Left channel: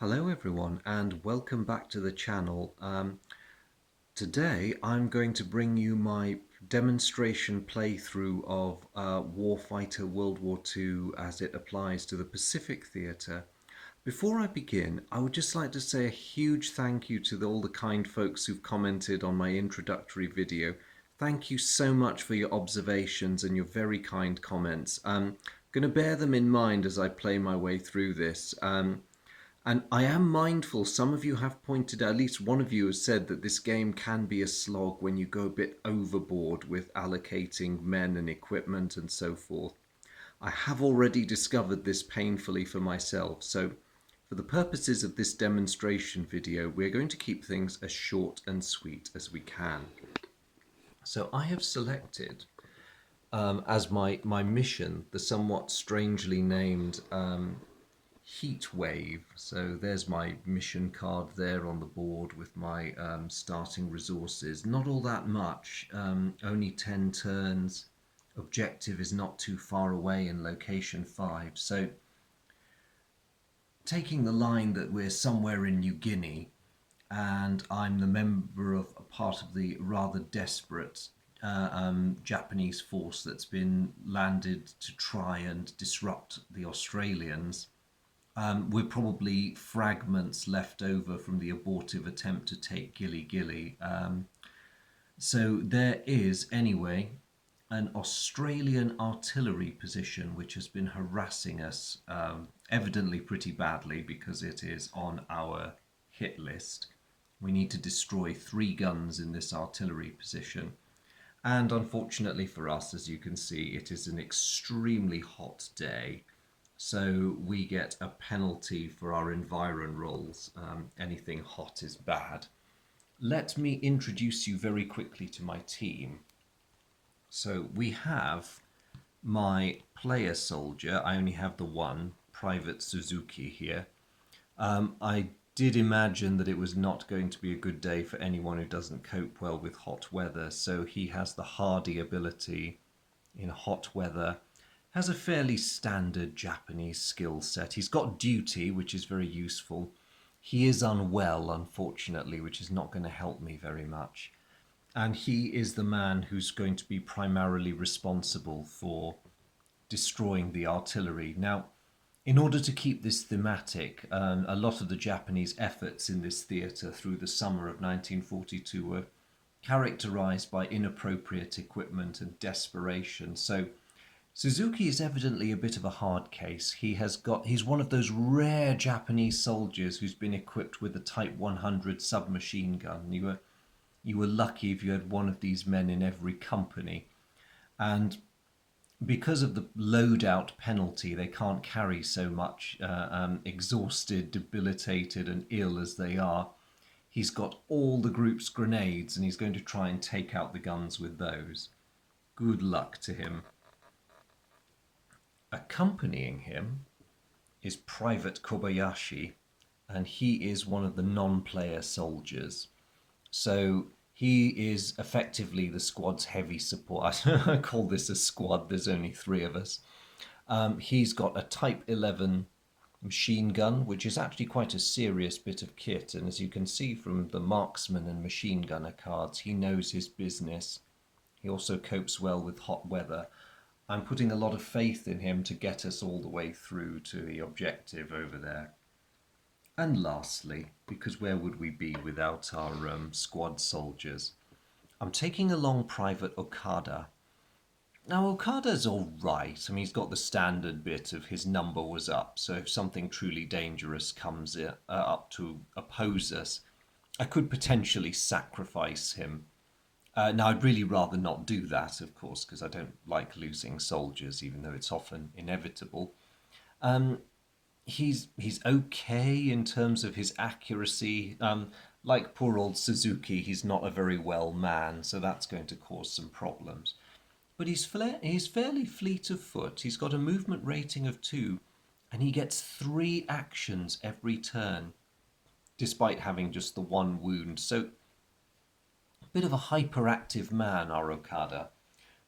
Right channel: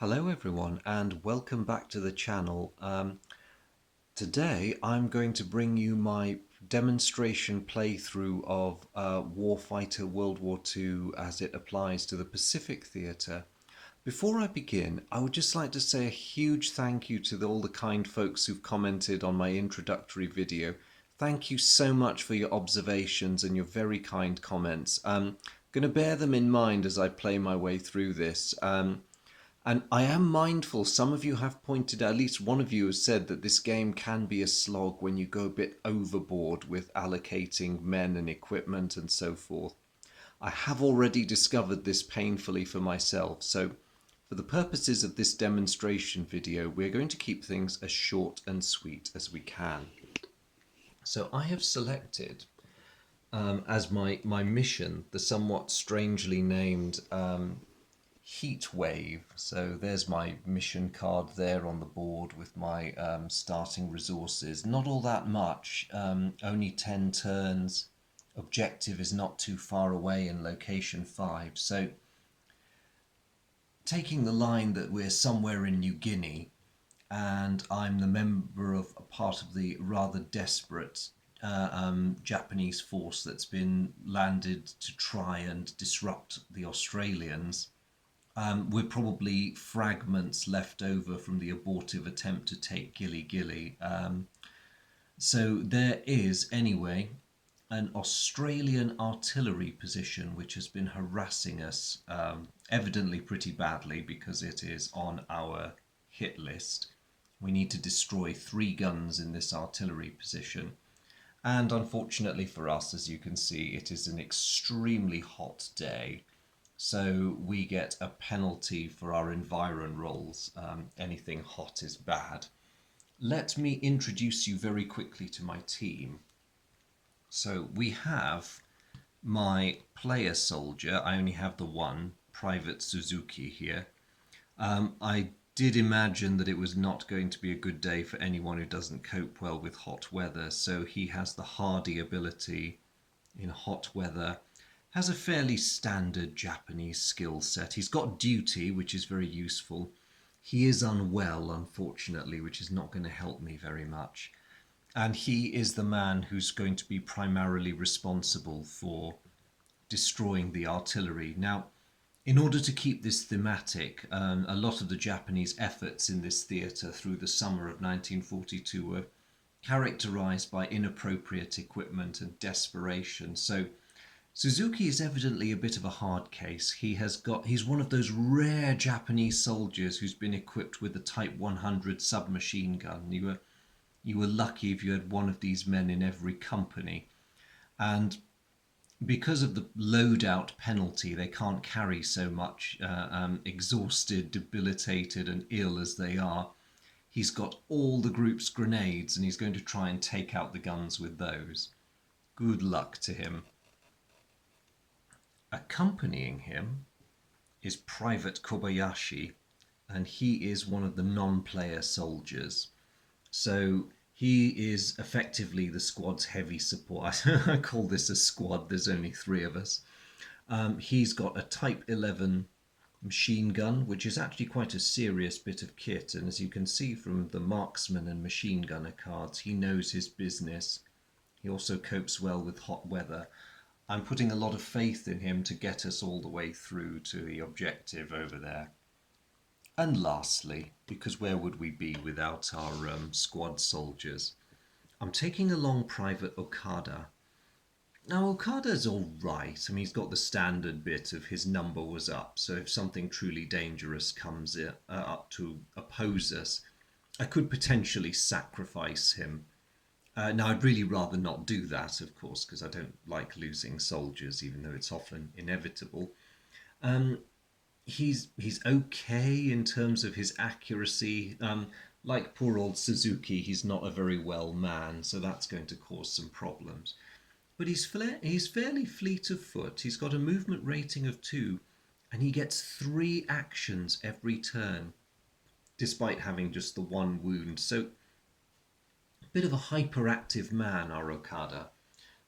Hello everyone and welcome back to the channel. Today I'm going to bring you my demonstration playthrough of Warfighter World War II as it applies to the Pacific Theatre. Before I begin, I would just like to say a huge thank you to all the kind folks who've commented on my introductory video. Thank you so much for your observations and your very kind comments. I'm going to bear them in mind as I play my way through this. And I am mindful, some of you have pointed out, at least one of you has said that this game can be a slog when you go a bit overboard with allocating men and equipment and so forth. I have already discovered this painfully for myself, so for the purposes of this demonstration video, we're going to keep things as short and sweet as we can. So I have selected as my mission the somewhat strangely named Heat Wave. So there's my mission card there on the board with my starting resources. Not all that much, only 10 turns. Objective is not too far away in location 5. So taking the line that we're somewhere in New Guinea and I'm the member of a part of the rather desperate Japanese force that's been landed to try and disrupt the Australians. We're probably fragments left over from the abortive attempt to take Gilly Gilly. So there is, anyway, an Australian artillery position which has been harassing us, evidently pretty badly because it is on our hit list. We need to destroy 3 guns in this artillery position. And unfortunately for us, as you can see, it is an extremely hot day. So we get a penalty for our environ rolls. Anything hot is bad. Let me introduce you very quickly to my team. So we have my player soldier. I only have the one, Private Suzuki here. I did imagine that it was not going to be a good day for anyone who doesn't cope well with hot weather. So he has the hardy ability in hot weather. Has a fairly standard Japanese skill set. He's got duty, which is very useful. He is unwell, unfortunately, which is not going to help me very much. And he is the man who's going to be primarily responsible for destroying the artillery. Now, in order to keep this thematic, a lot of the Japanese efforts in this theatre through the summer of 1942 were characterized by inappropriate equipment and desperation. So Suzuki is evidently a bit of a hard case. He's one of those rare Japanese soldiers who's been equipped with a Type 100 submachine gun. You were lucky if you had one of these men in every company. And because of the loadout penalty, they can't carry so much, exhausted, debilitated, and ill as they are. He's got all the group's grenades, and he's going to try and take out the guns with those. Good luck to him. Accompanying him is Private Kobayashi, and he is one of the non-player soldiers. So he is effectively the squad's heavy support. I call this a squad, there's only 3 of us. He's got a Type 11 machine gun, which is actually quite a serious bit of kit, and as you can see from the marksman and machine gunner cards, he knows his business. He also copes well with hot weather. I'm putting a lot of faith in him to get us all the way through to the objective over there. And lastly, because where would we be without our squad soldiers, I'm taking along Private Okada. Now, Okada's all right. I mean, he's got the standard bit of his number was up, so if something truly dangerous comes up to oppose us, I could potentially sacrifice him. Now, I'd really rather not do that, of course, because I don't like losing soldiers, even though it's often inevitable. He's okay in terms of his accuracy. Like poor old Suzuki, he's not a very well man, so that's going to cause some problems. But he's fairly fleet of foot. He's got a movement rating of 2, and he gets 3 actions every turn, despite having just the 1 wound. So bit of a hyperactive man, our Okada.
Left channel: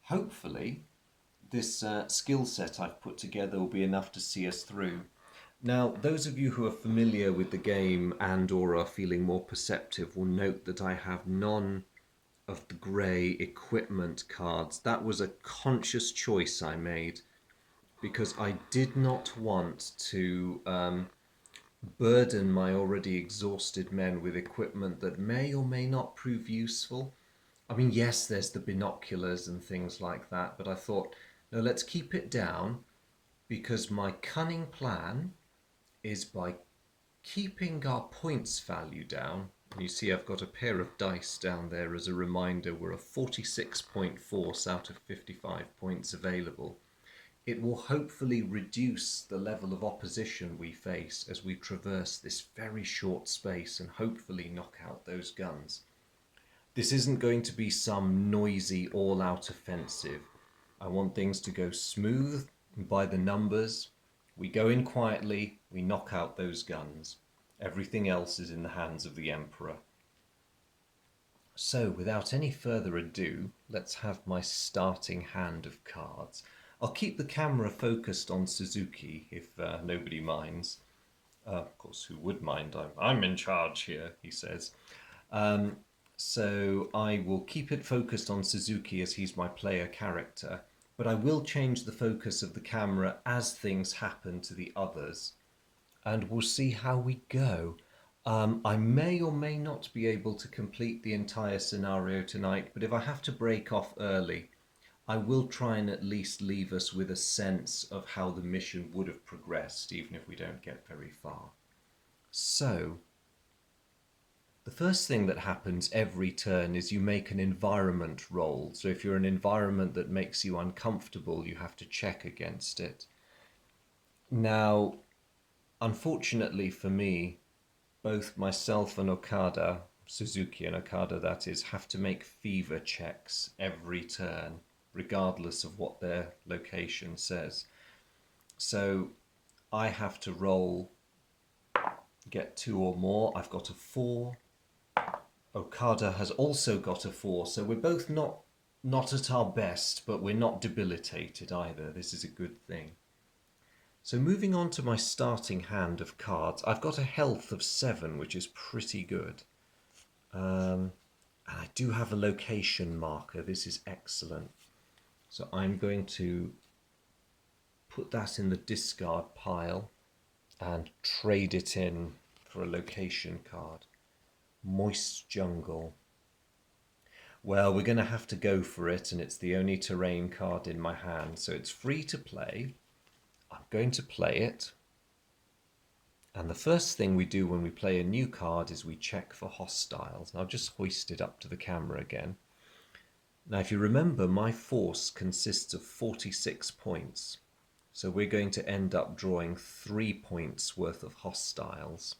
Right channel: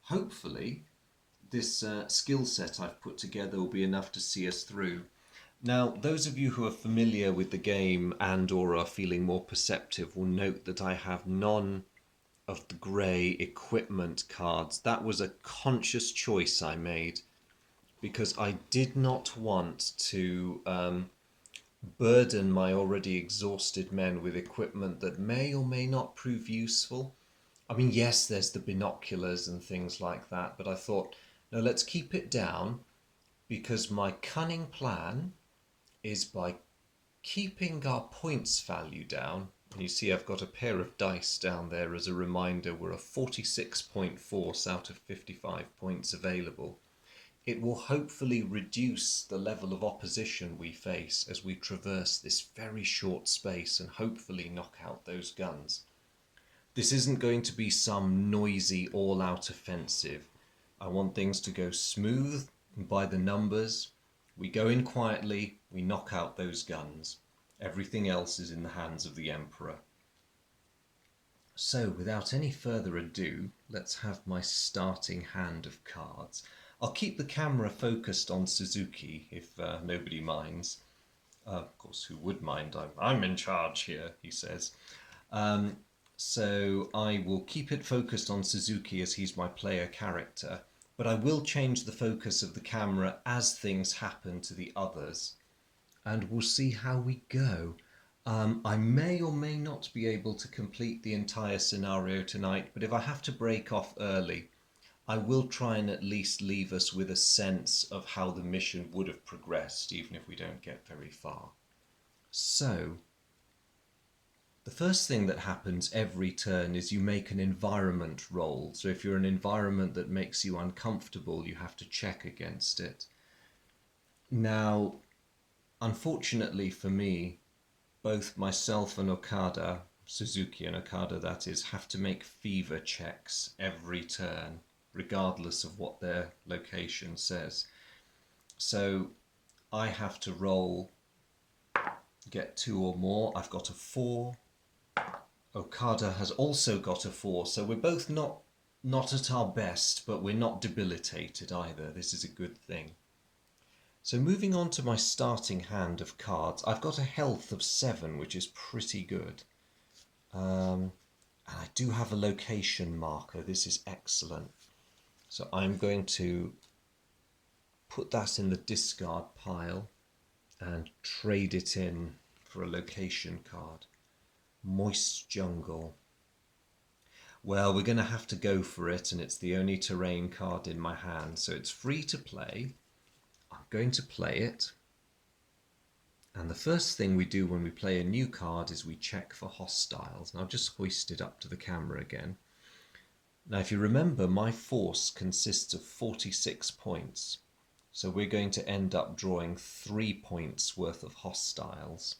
Hopefully, this skill set I've put together will be enough to see us through. Now, those of you who are familiar with the game and or are feeling more perceptive will note that I have none of the grey equipment cards. That was a conscious choice I made because I did not want to burden my already exhausted men with equipment that may or may not prove useful. I mean, yes, there's the binoculars and things like that, but I thought, no, let's keep it down because my cunning plan is by keeping our points value down. And you see I've got a pair of dice down there as a reminder. We're a 46-point force out of 55 points available. It will hopefully reduce the level of opposition we face as we traverse this very short space and hopefully knock out those guns. This isn't going to be some noisy all-out offensive. I want things to go smooth by the numbers. We go in quietly, we knock out those guns. Everything else is in the hands of the Emperor. So, without any further ado, let's have my starting hand of cards. I'll keep the camera focused on Suzuki if nobody minds. Of course, who would mind? I'm in charge here, he says. So I will keep it focused on Suzuki as he's my player character, but I will change the focus of the camera as things happen to the others, and we'll see how we go. I may or may not be able to complete the entire scenario tonight, but if I have to break off early, I will try and at least leave us with a sense of how the mission would have progressed, even if we don't get very far. So, the first thing that happens every turn is you make an environment roll. So if you're an environment that makes you uncomfortable, you have to check against it. Now, unfortunately for me, both myself and Okada, Suzuki and Okada that is, have to make fever checks every turn, regardless of what their location says. So I have to roll, get 2 or more. I've got a 4. Okada has also got a 4, so we're both not at our best, but we're not debilitated either. This is a good thing. So moving on to my starting hand of cards, I've got a health of 7, which is pretty good. And I do have a location marker. This is excellent. So I'm going to put that in the discard pile and trade it in for a location card. Moist Jungle. Well, we're going to have to go for it, and it's the only terrain card in my hand, so it's free to play. I'm going to play it. And the first thing we do when we play a new card is we check for hostiles. And I'll just hoist it up to the camera again. Now, if you remember, my force consists of 46 points. So we're going to end up drawing 3 points worth of hostiles.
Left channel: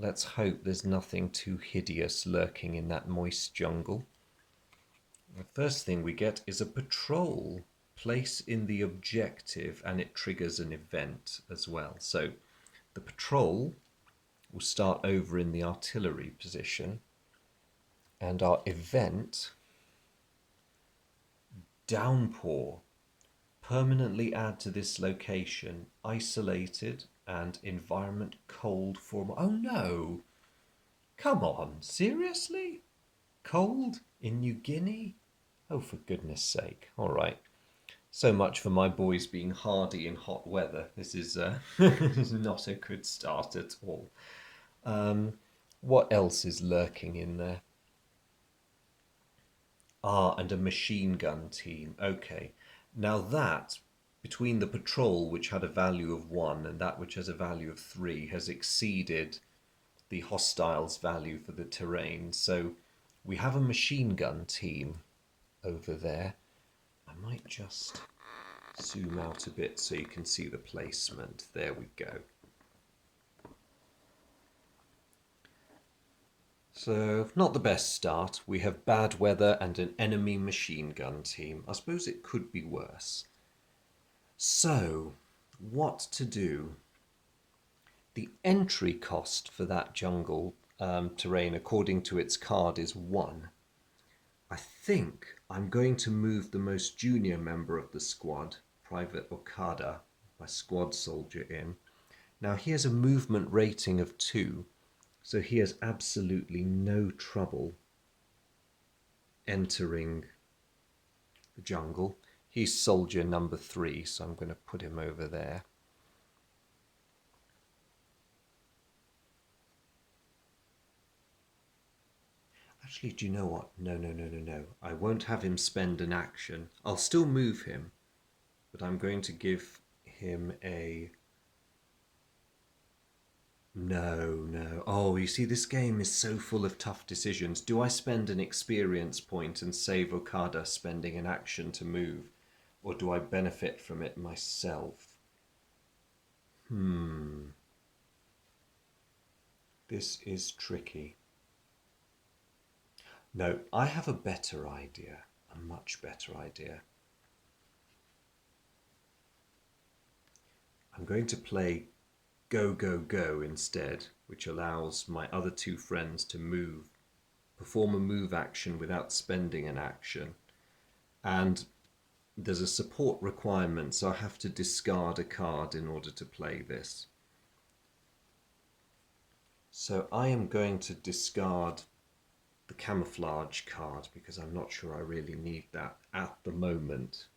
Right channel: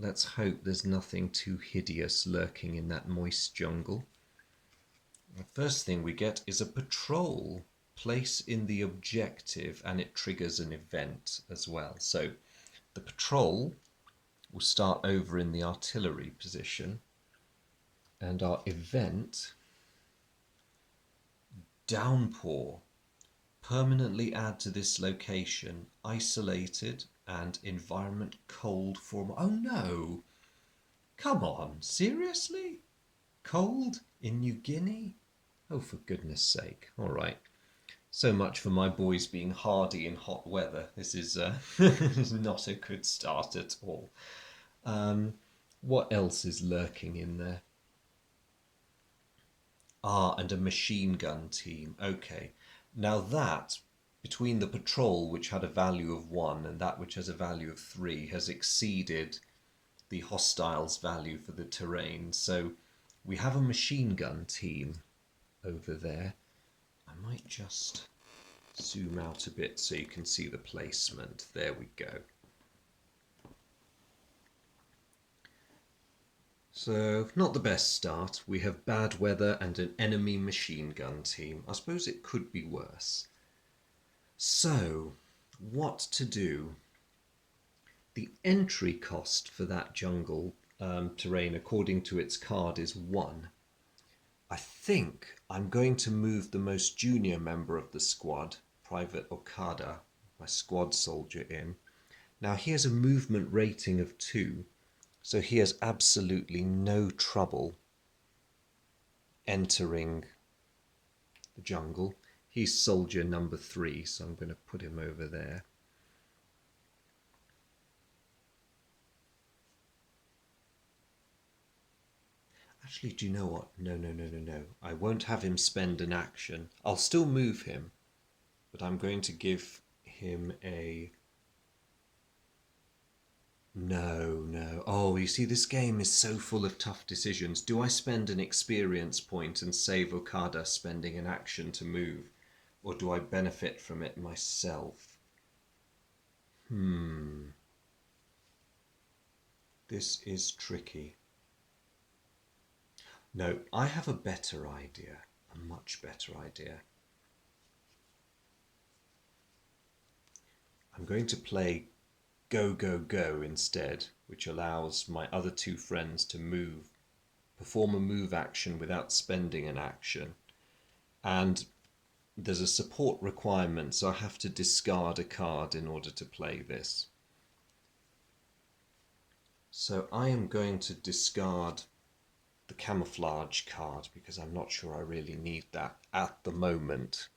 Let's hope there's nothing too hideous lurking in that moist jungle. The first thing we get is a patrol. Place in the objective, and it triggers an event as well. So the patrol will start over in the artillery position, and our event, downpour. Permanently add to this location, isolated and environment cold for... Oh no! Come on, seriously? Cold in New Guinea? Oh, for goodness sake. All right. So much for my boys being hardy in hot weather. This is not a good start at all. What else is lurking in there? Ah, and a machine gun team. Okay. Now that, between the patrol, which had a value of 1, and that which has a value of 3, has exceeded the hostiles' value for the terrain. So we have a machine gun team over there. I might just zoom out a bit so you can see the placement. There we go. So, not the best start. We have bad weather and an enemy machine gun team. I suppose it could be worse. So, what to do? The entry cost for that jungle terrain, according to its card, is 1. I think I'm going to move the most junior member of the squad, Private Okada, my squad soldier, in. Now he has a movement rating of 2, so he has absolutely no trouble entering the jungle. He's soldier number 3, so I'm going to put him over there. Actually, do you know what? No. I won't have him spend an action. I'll still move him, but I'm going to give him a... No. Oh, you see, this game is so full of tough decisions. Do I spend an experience point and save Okada spending an action to move? Or do I benefit from it myself? This is tricky. No, I have a better idea. A much better idea. I'm going to play Go instead, which allows my other 2 friends to perform a move action without spending an action. And there's a support requirement, so I have to discard a card in order to play this. So I am going to discard the camouflage card because I'm not sure I really need that at the moment.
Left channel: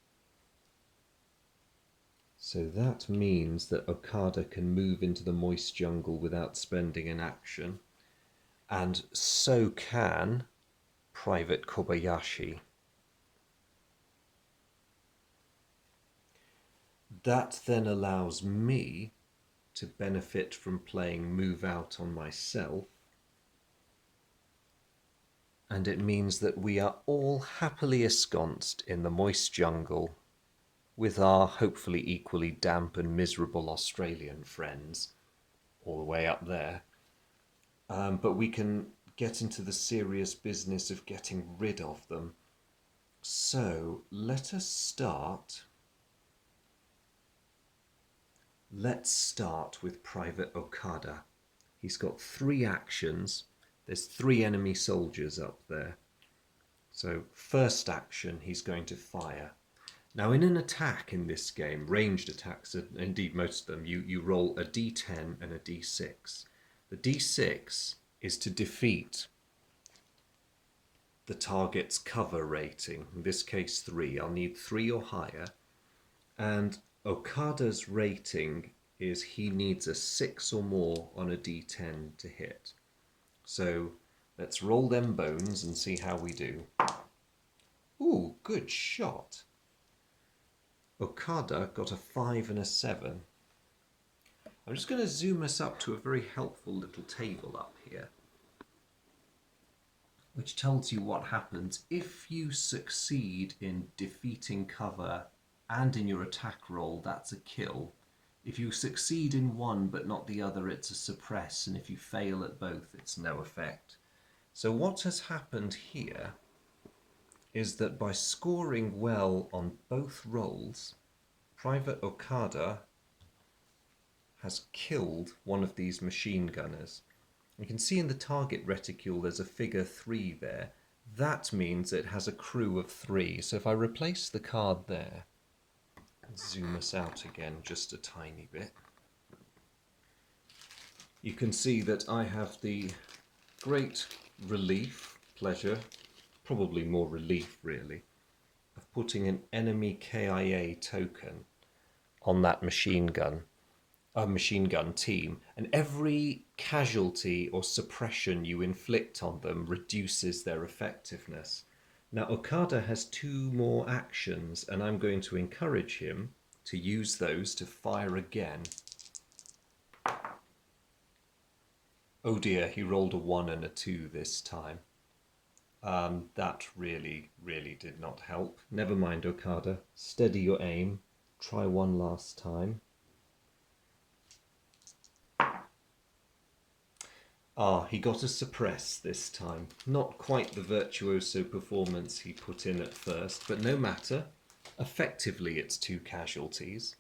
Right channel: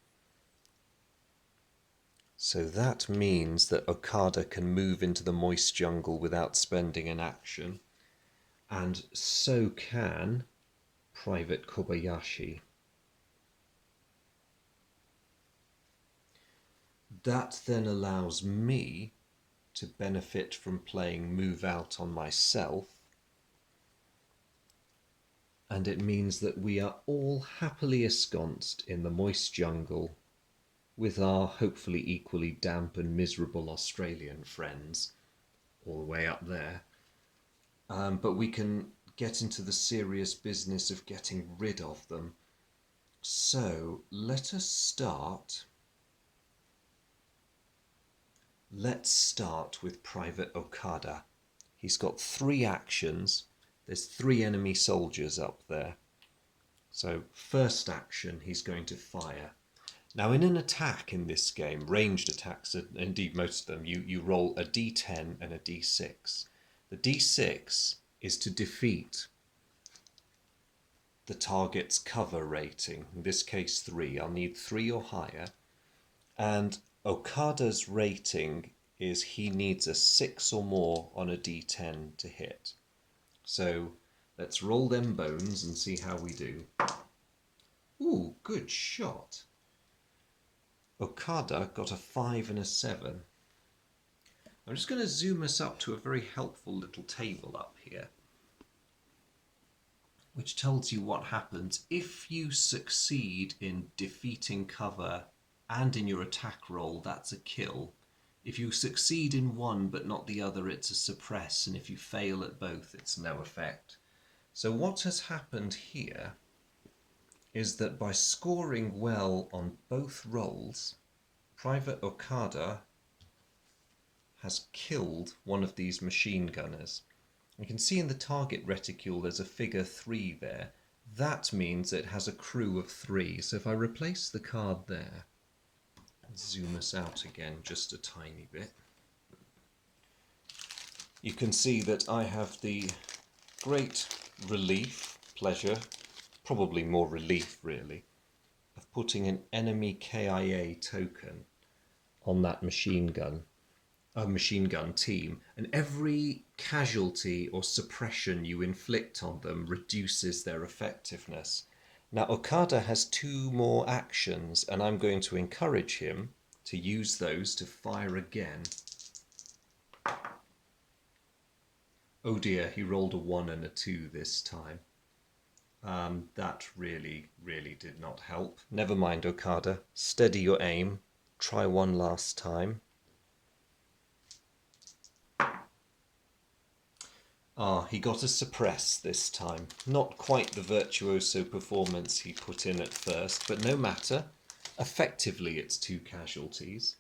So that means that Okada can move into the moist jungle without spending an action, and so can Private Kobayashi. That then allows me to benefit from playing Move Out on myself, and it means that we are all happily ensconced in the moist jungle with our hopefully equally damp and miserable Australian friends all the way up there. But we can get into the serious business of getting rid of them. So let us start. Let's start with Private Okada. He's got 3 actions. There's 3 enemy soldiers up there. So first action, he's going to fire. Now in an attack in this game, ranged attacks, indeed most of them, you roll a d10 and a d6. The d6 is to defeat the target's cover rating, in this case 3. I'll need 3 or higher. And Okada's rating is he needs a 6 or more on a d10 to hit. So let's roll them bones and see how we do. Ooh, good shot. Okada got a 5 and a 7. I'm just going to zoom us up to a very helpful little table up here, which tells you what happens if you succeed in defeating cover and in your attack roll. That's a kill. If you succeed in one but not the other, it's a suppress, and if you fail at both, it's no effect. So what has happened here is that by scoring well on both rolls, Private Okada has killed one of these machine gunners. You can see in the target reticule there's a figure 3 there. That means it has a crew of 3. So if I replace the card there and zoom us out again just a tiny bit, you can see that I have the great relief, pleasure, probably more relief really, of putting an enemy KIA token on that machine gun team, and every casualty or suppression you inflict on them reduces their effectiveness. Now Okada has 2 more actions, and I'm going to encourage him to use those to fire again. Oh dear, he rolled a 1 and a 2 this time. That really did not help. Never mind, Okada. Steady your aim. Try one last time. He got a suppress this time. Not quite the virtuoso performance he put in at first, but no matter. Effectively, it's 2 casualties.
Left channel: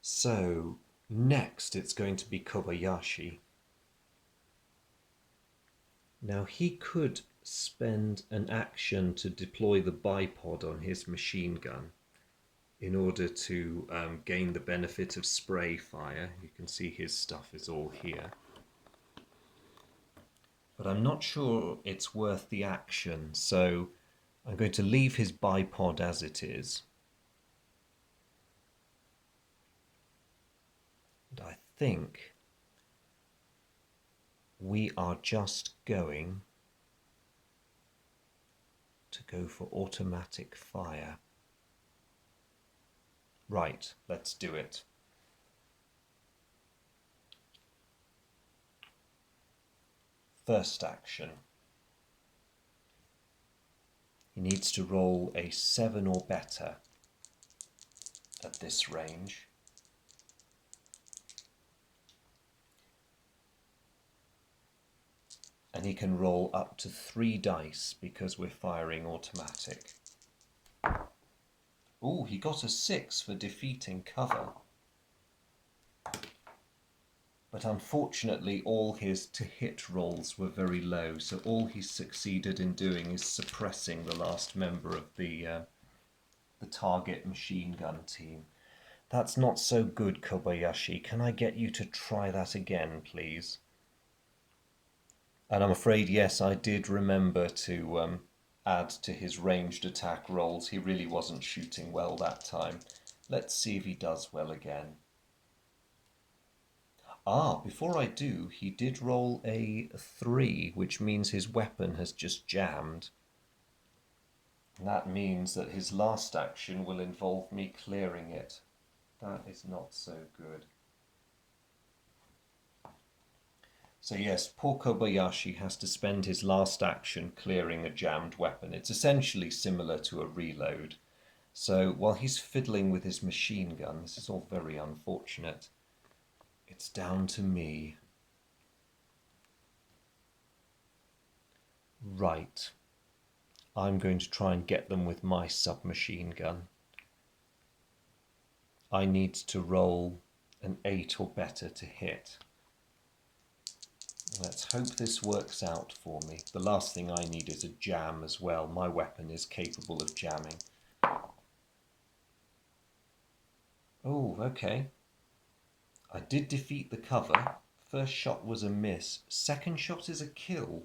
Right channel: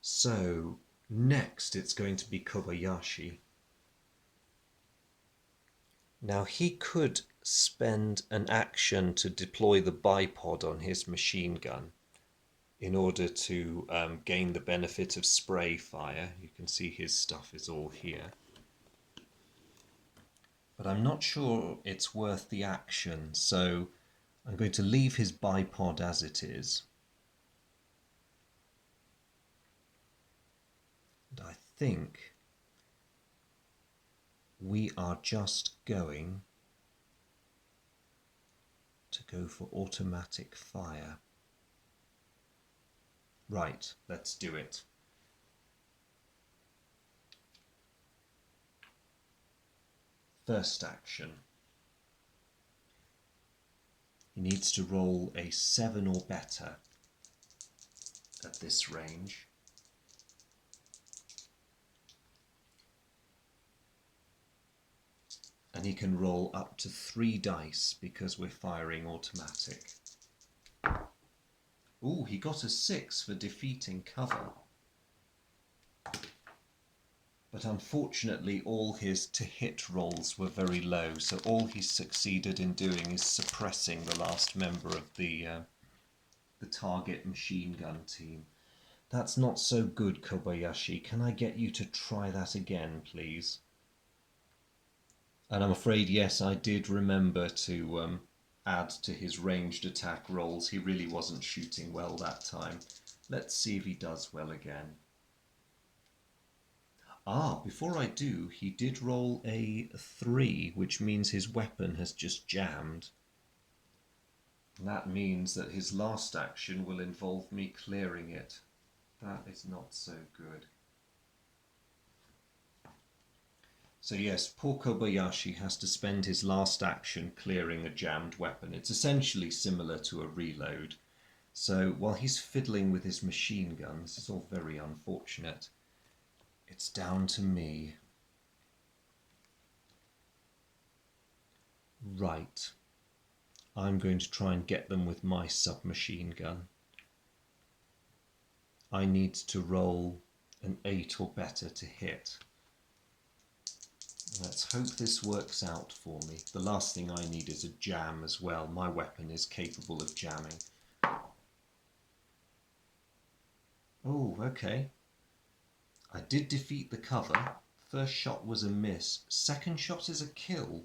So, next it's going to be Kobayashi. Now he could spend an action to deploy the bipod on his machine gun, in order to gain the benefit of spray fire. You can see his stuff is all here. But I'm not sure it's worth the action, so I'm going to leave his bipod as it is. And I think we are just going to go for automatic fire. Right, let's do it. First action. He needs to roll a 7 or better at this range. And he can roll up to 3 dice because we're firing automatic. Ooh, he got a 6 for defeating cover. But unfortunately all his to-hit rolls were very low, so all he's succeeded in doing is suppressing the last member of the target machine gun team. That's not so good, Kobayashi. Can I get you to try that again, please? And I'm afraid, yes, I did remember to add to his ranged attack rolls. He really wasn't shooting well that time. Let's see if he does well again. Ah, before I do, he did roll a 3, which means his weapon has just jammed. And that means that his last action will involve me clearing it. That is not so good. So yes, poor Kobayashi has to spend his last action clearing a jammed weapon. It's essentially similar to a reload. So while he's fiddling with his machine gun, this is all very unfortunate. It's down to me. Right. I'm going to try and get them with my submachine gun. I need to roll an 8 or better to hit. Let's hope this works out for me. The last thing I need is a jam as well. My weapon is capable of jamming. Oh, okay. I did defeat the cover. First shot was a miss. Second shot is a kill.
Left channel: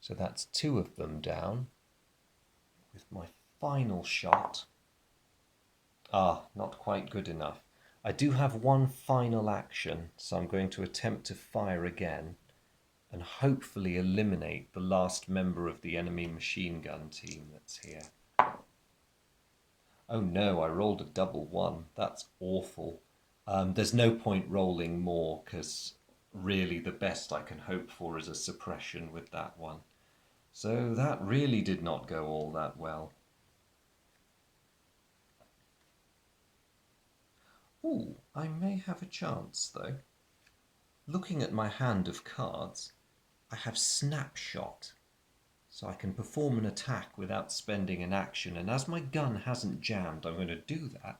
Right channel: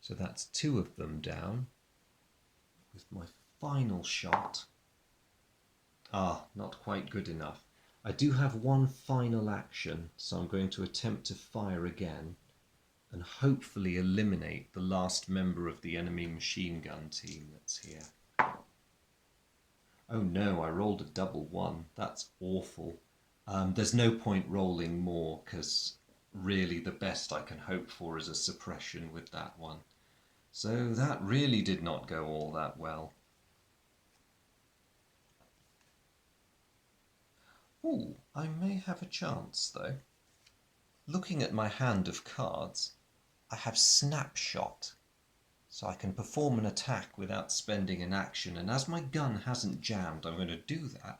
So that's 2 of them down. With my final shot. Ah, not quite good enough. I do have one final action, so I'm going to attempt to fire again and hopefully eliminate the last member of the enemy machine gun team that's here. Oh no, I rolled a double 1. That's awful. There's no point rolling more because really the best I can hope for is a suppression with that one. So that really did not go all that well. Ooh, I may have a chance though. Looking at my hand of cards, I have Snapshot. So I can perform an attack without spending an action, and as my gun hasn't jammed, I'm going to do that.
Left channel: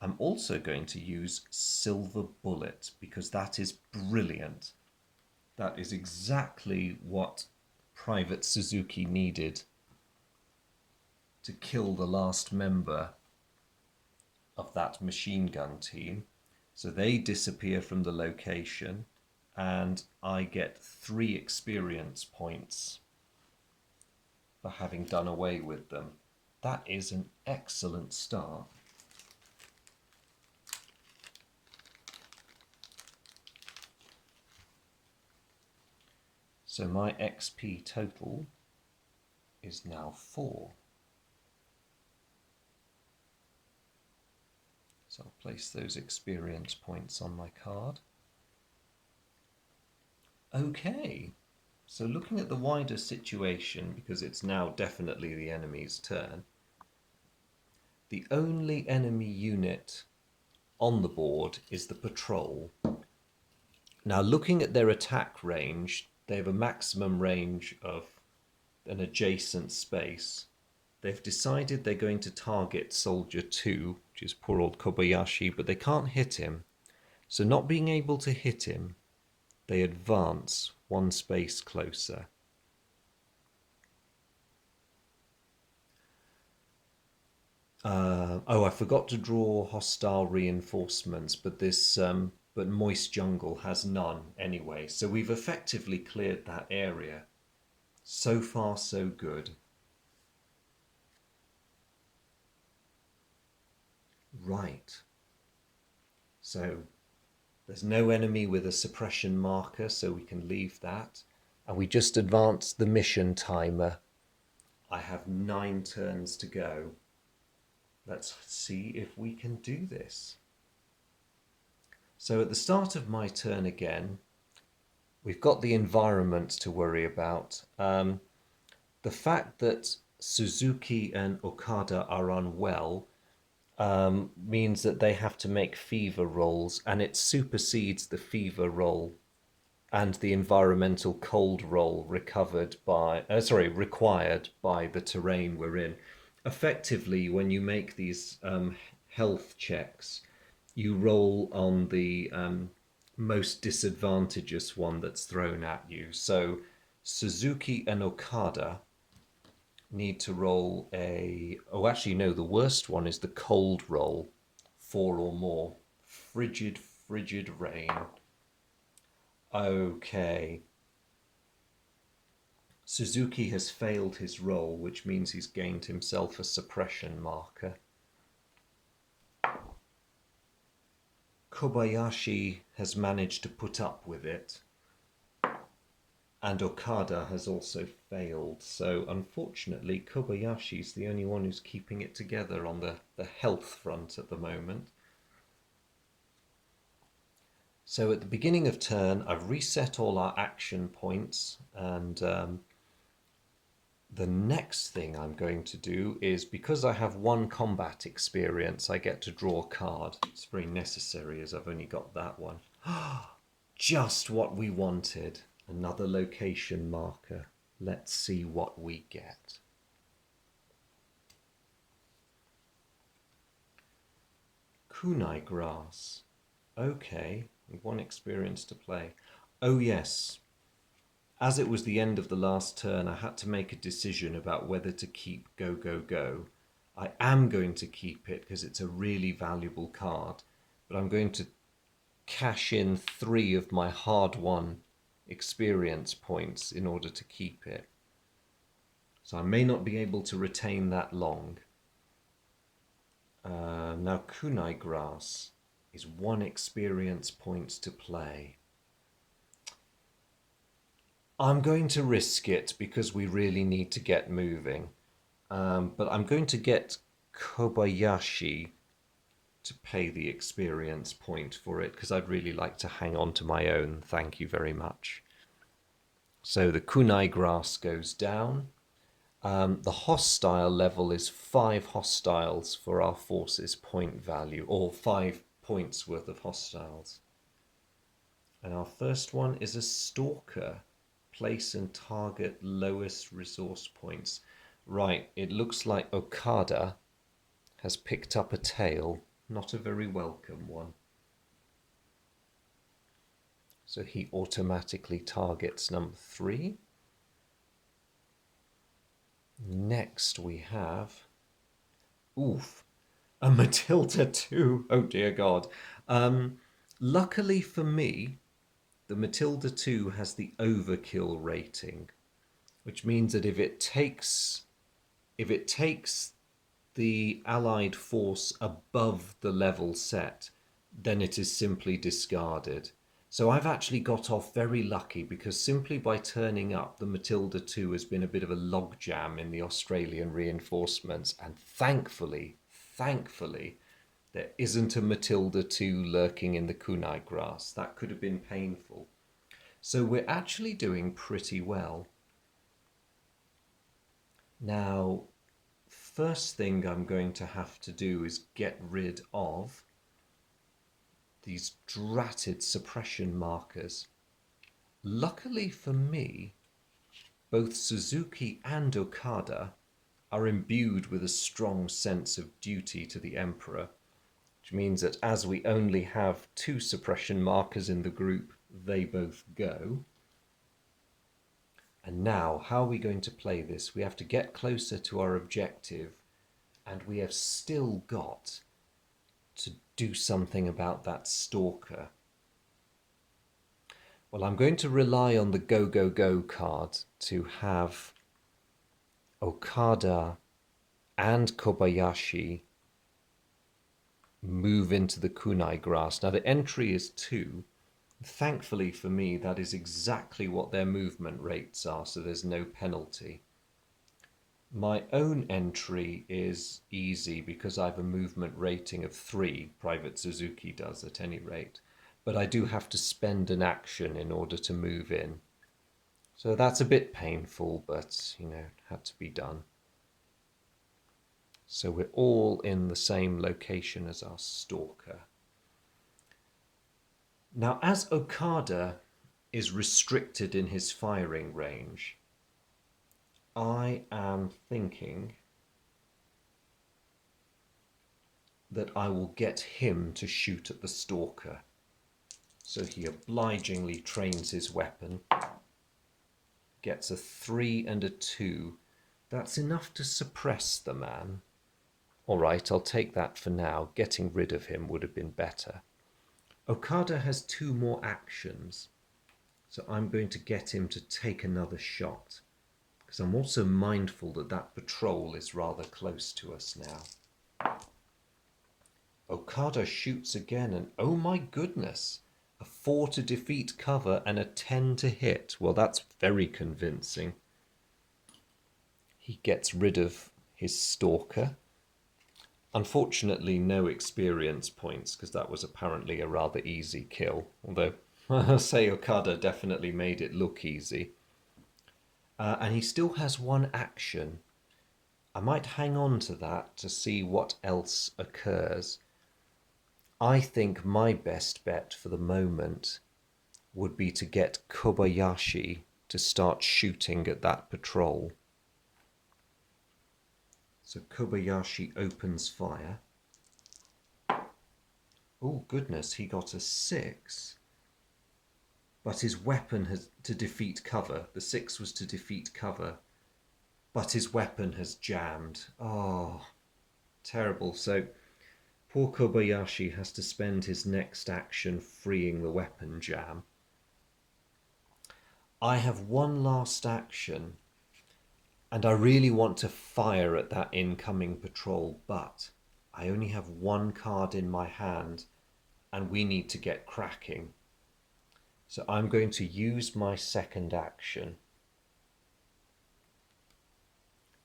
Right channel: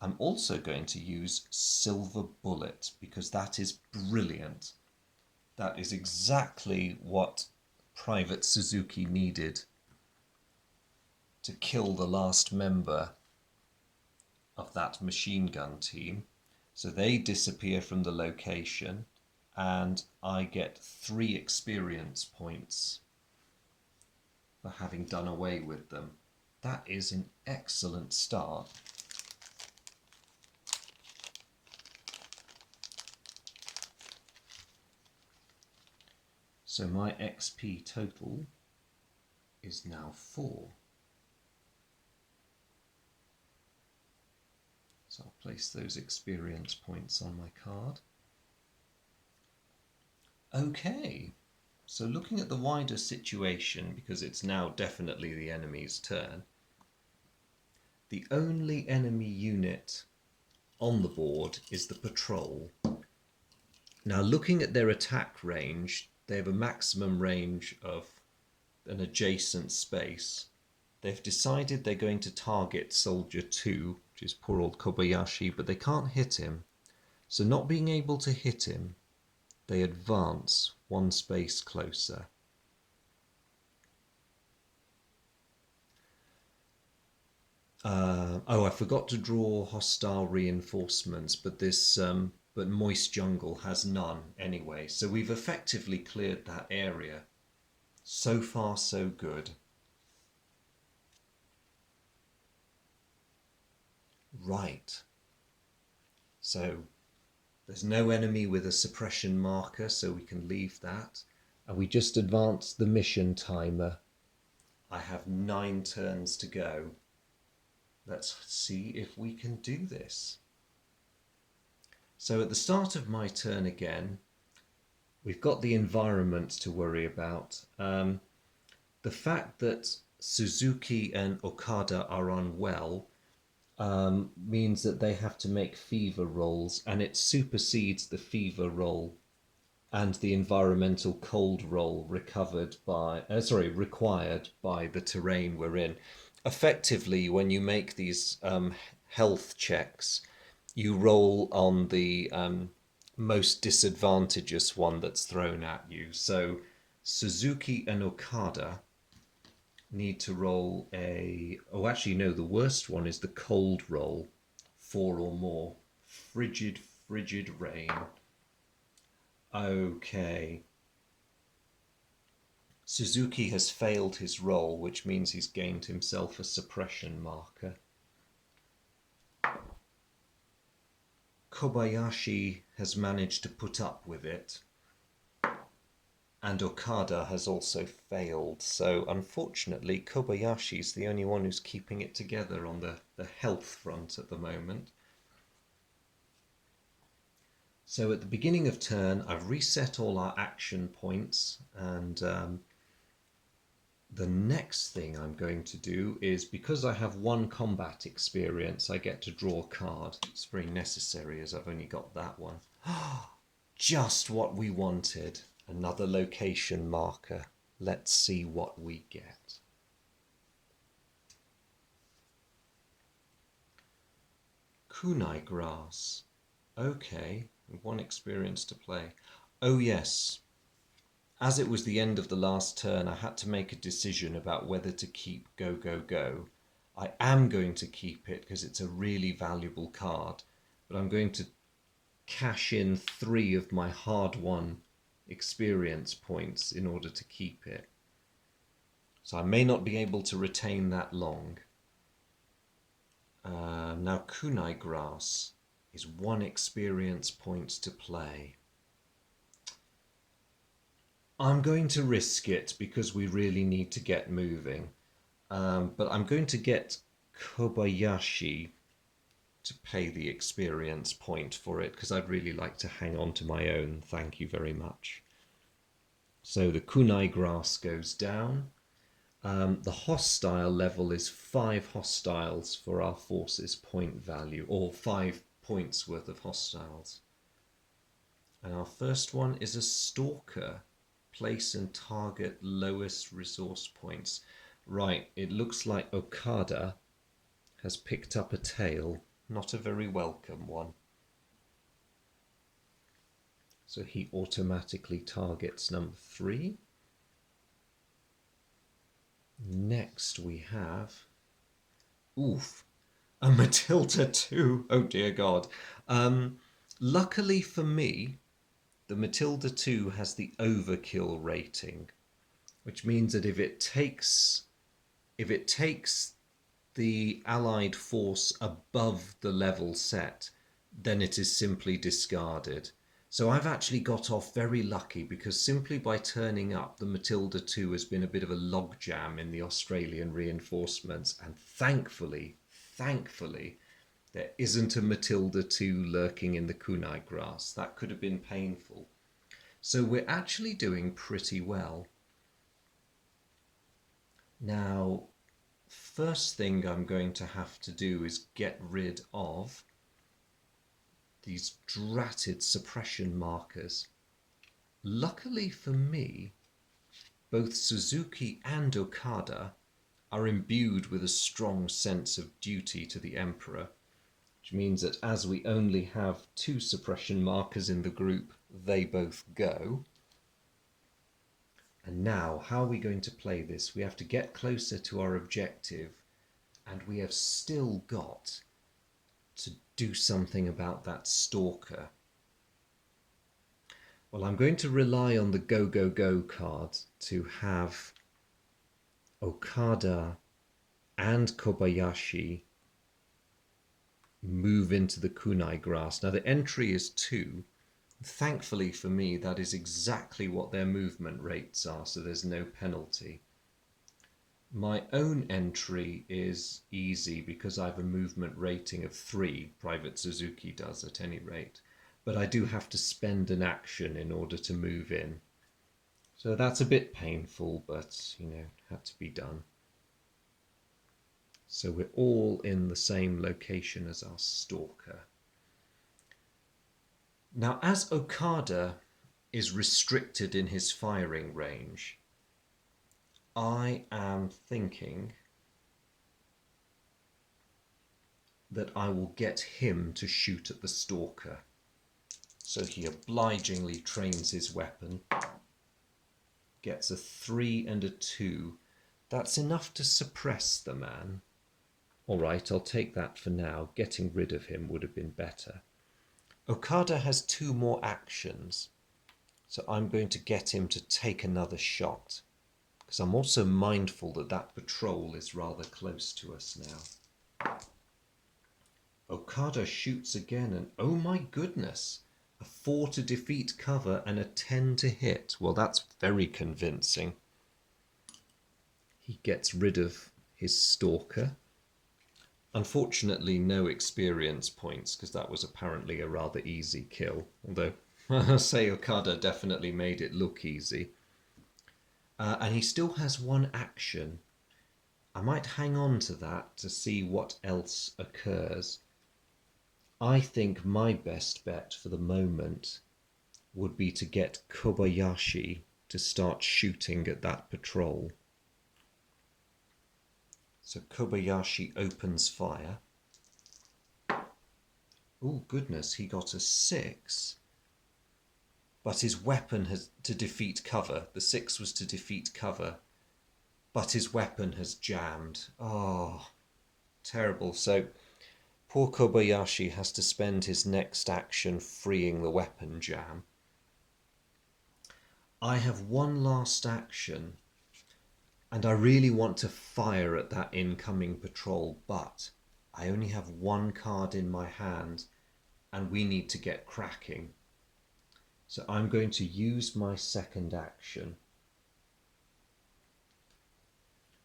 I'm also going to use Silver Bullet, because that is brilliant. That is exactly what Private Suzuki needed to kill the last member of that machine gun team. So they disappear from the location, and I get 3 experience points for having done away with them. That is an excellent start. So my XP total is now 4. So I'll place those experience points on my card. Okay, so looking at the wider situation, because it's now definitely the enemy's turn, the only enemy unit on the board is the patrol. Now looking at their attack range, they have a maximum range of an adjacent space. They've decided they're going to target Soldier 2, which is poor old Kobayashi, but they can't hit him. So not being able to hit him, they advance 1 space closer. Oh, I forgot to draw hostile reinforcements, but but moist jungle has none anyway. So we've effectively cleared that area. So far, so good. Right. So there's no enemy with a suppression marker, so we can leave that. And we just advanced the mission timer. I have 9 turns to go. Let's see if we can do this. So at the start of my turn again, we've got the environment to worry about. The fact that Suzuki and Okada are unwell means that they have to make fever rolls, and it supersedes the fever roll and the environmental cold roll required by the terrain we're in. Effectively, when you make these health checks, you roll on the most disadvantageous one that's thrown at you. So Suzuki and Okada need to roll a. Oh, actually, no, the worst one is the cold roll, 4 or more. Frigid, frigid rain. Okay. Suzuki has failed his roll, which means he's gained himself a suppression marker. Kobayashi has managed to put up with it, and Okada has also failed. So unfortunately, Kobayashi's the only one who's keeping it together on the health front at the moment. So at the beginning of turn, I've reset all our action points, and the next thing I'm going to do is, because I have 1 combat experience, I get to draw a card. It's very necessary as I've only got that one. Just what we wanted. Another location marker. Let's see what we get. Kunai grass. Okay, 1 experience to play. Oh yes, as it was the end of the last turn, I had to make a decision about whether to keep Go Go Go. I am going to keep it because it's a really valuable card, but I'm going to cash in 3 of my hard-won experience points in order to keep it. So I may not be able to retain that long. Now Kunai grass is 1 experience point to play. I'm going to risk it because we really need to get moving. But I'm going to get Kobayashi to pay the experience point for it because I'd really like to hang on to my own. Thank you very much. So the kunai grass goes down. The hostile level is 5 hostiles for our forces point value, or 5 points worth of hostiles. And our first one is a stalker. Place and target lowest resource points. Right, it looks like Okada has picked up a tail, not a very welcome one. So he automatically targets number 3. Next we have, oof, a Matilda 2. Oh dear God. Luckily for me, the Matilda 2 has the overkill rating, which means that if it takes the allied force above the level set, then it is simply discarded. So I've actually got off very lucky because simply by turning up, the Matilda 2 has been a bit of a logjam in the Australian reinforcements, and thankfully, there isn't a Matilda 2 lurking in the kunai grass. That could have been painful. So we're actually doing pretty well. Now, first thing I'm going to have to do is get rid of these dratted suppression markers. Luckily for me, both Suzuki and Okada are imbued with a strong sense of duty to the Emperor, which means that as we only have 2 suppression markers in the group, they both go. And now, how are we going to play this? We have to get closer to our objective And we have still got to do something about that stalker. Well, I'm going to rely on the Go Go Go card to have Okada and Kobayashi move into the kunai grass. Now the entry is 2. Thankfully for me, that is exactly what their movement rates are, so there's no penalty. My own entry is easy because I have a movement rating of 3. Private Suzuki does at any rate. But I do have to spend an action in order to move in. So that's a bit painful, but, had to be done. So we're all in the same location as our stalker. Now, as Okada is restricted in his firing range, I am thinking that I will get him to shoot at the stalker. So he obligingly trains his weapon, gets a 3 and a 2. That's enough to suppress the man. All right, I'll take that for now. Getting rid of him would have been better. Okada has 2 more actions, so I'm going to get him to take another shot, because I'm also mindful that that patrol is rather close to us now. Okada shoots again, and oh my goodness, a 4 to defeat cover and a 10 to hit. Well, that's very convincing. He gets rid of his stalker. Unfortunately, no experience points, because that was apparently a rather easy kill. Although, I'll say Okada definitely made it look easy. And he still has 1 action. I might hang on to that to see what else occurs. I think my best bet for the moment would be to get Kobayashi to start shooting at that patrol. So Kobayashi opens fire. Oh goodness, he got a 6. But his weapon has to defeat cover. The 6 was to defeat cover. But his weapon has jammed. Oh, terrible. So poor Kobayashi has to spend his next action freeing the weapon jam. I have 1 last action, and I really want to fire at that incoming patrol, but I only have 1 card in my hand, and we need to get cracking. So I'm going to use my second action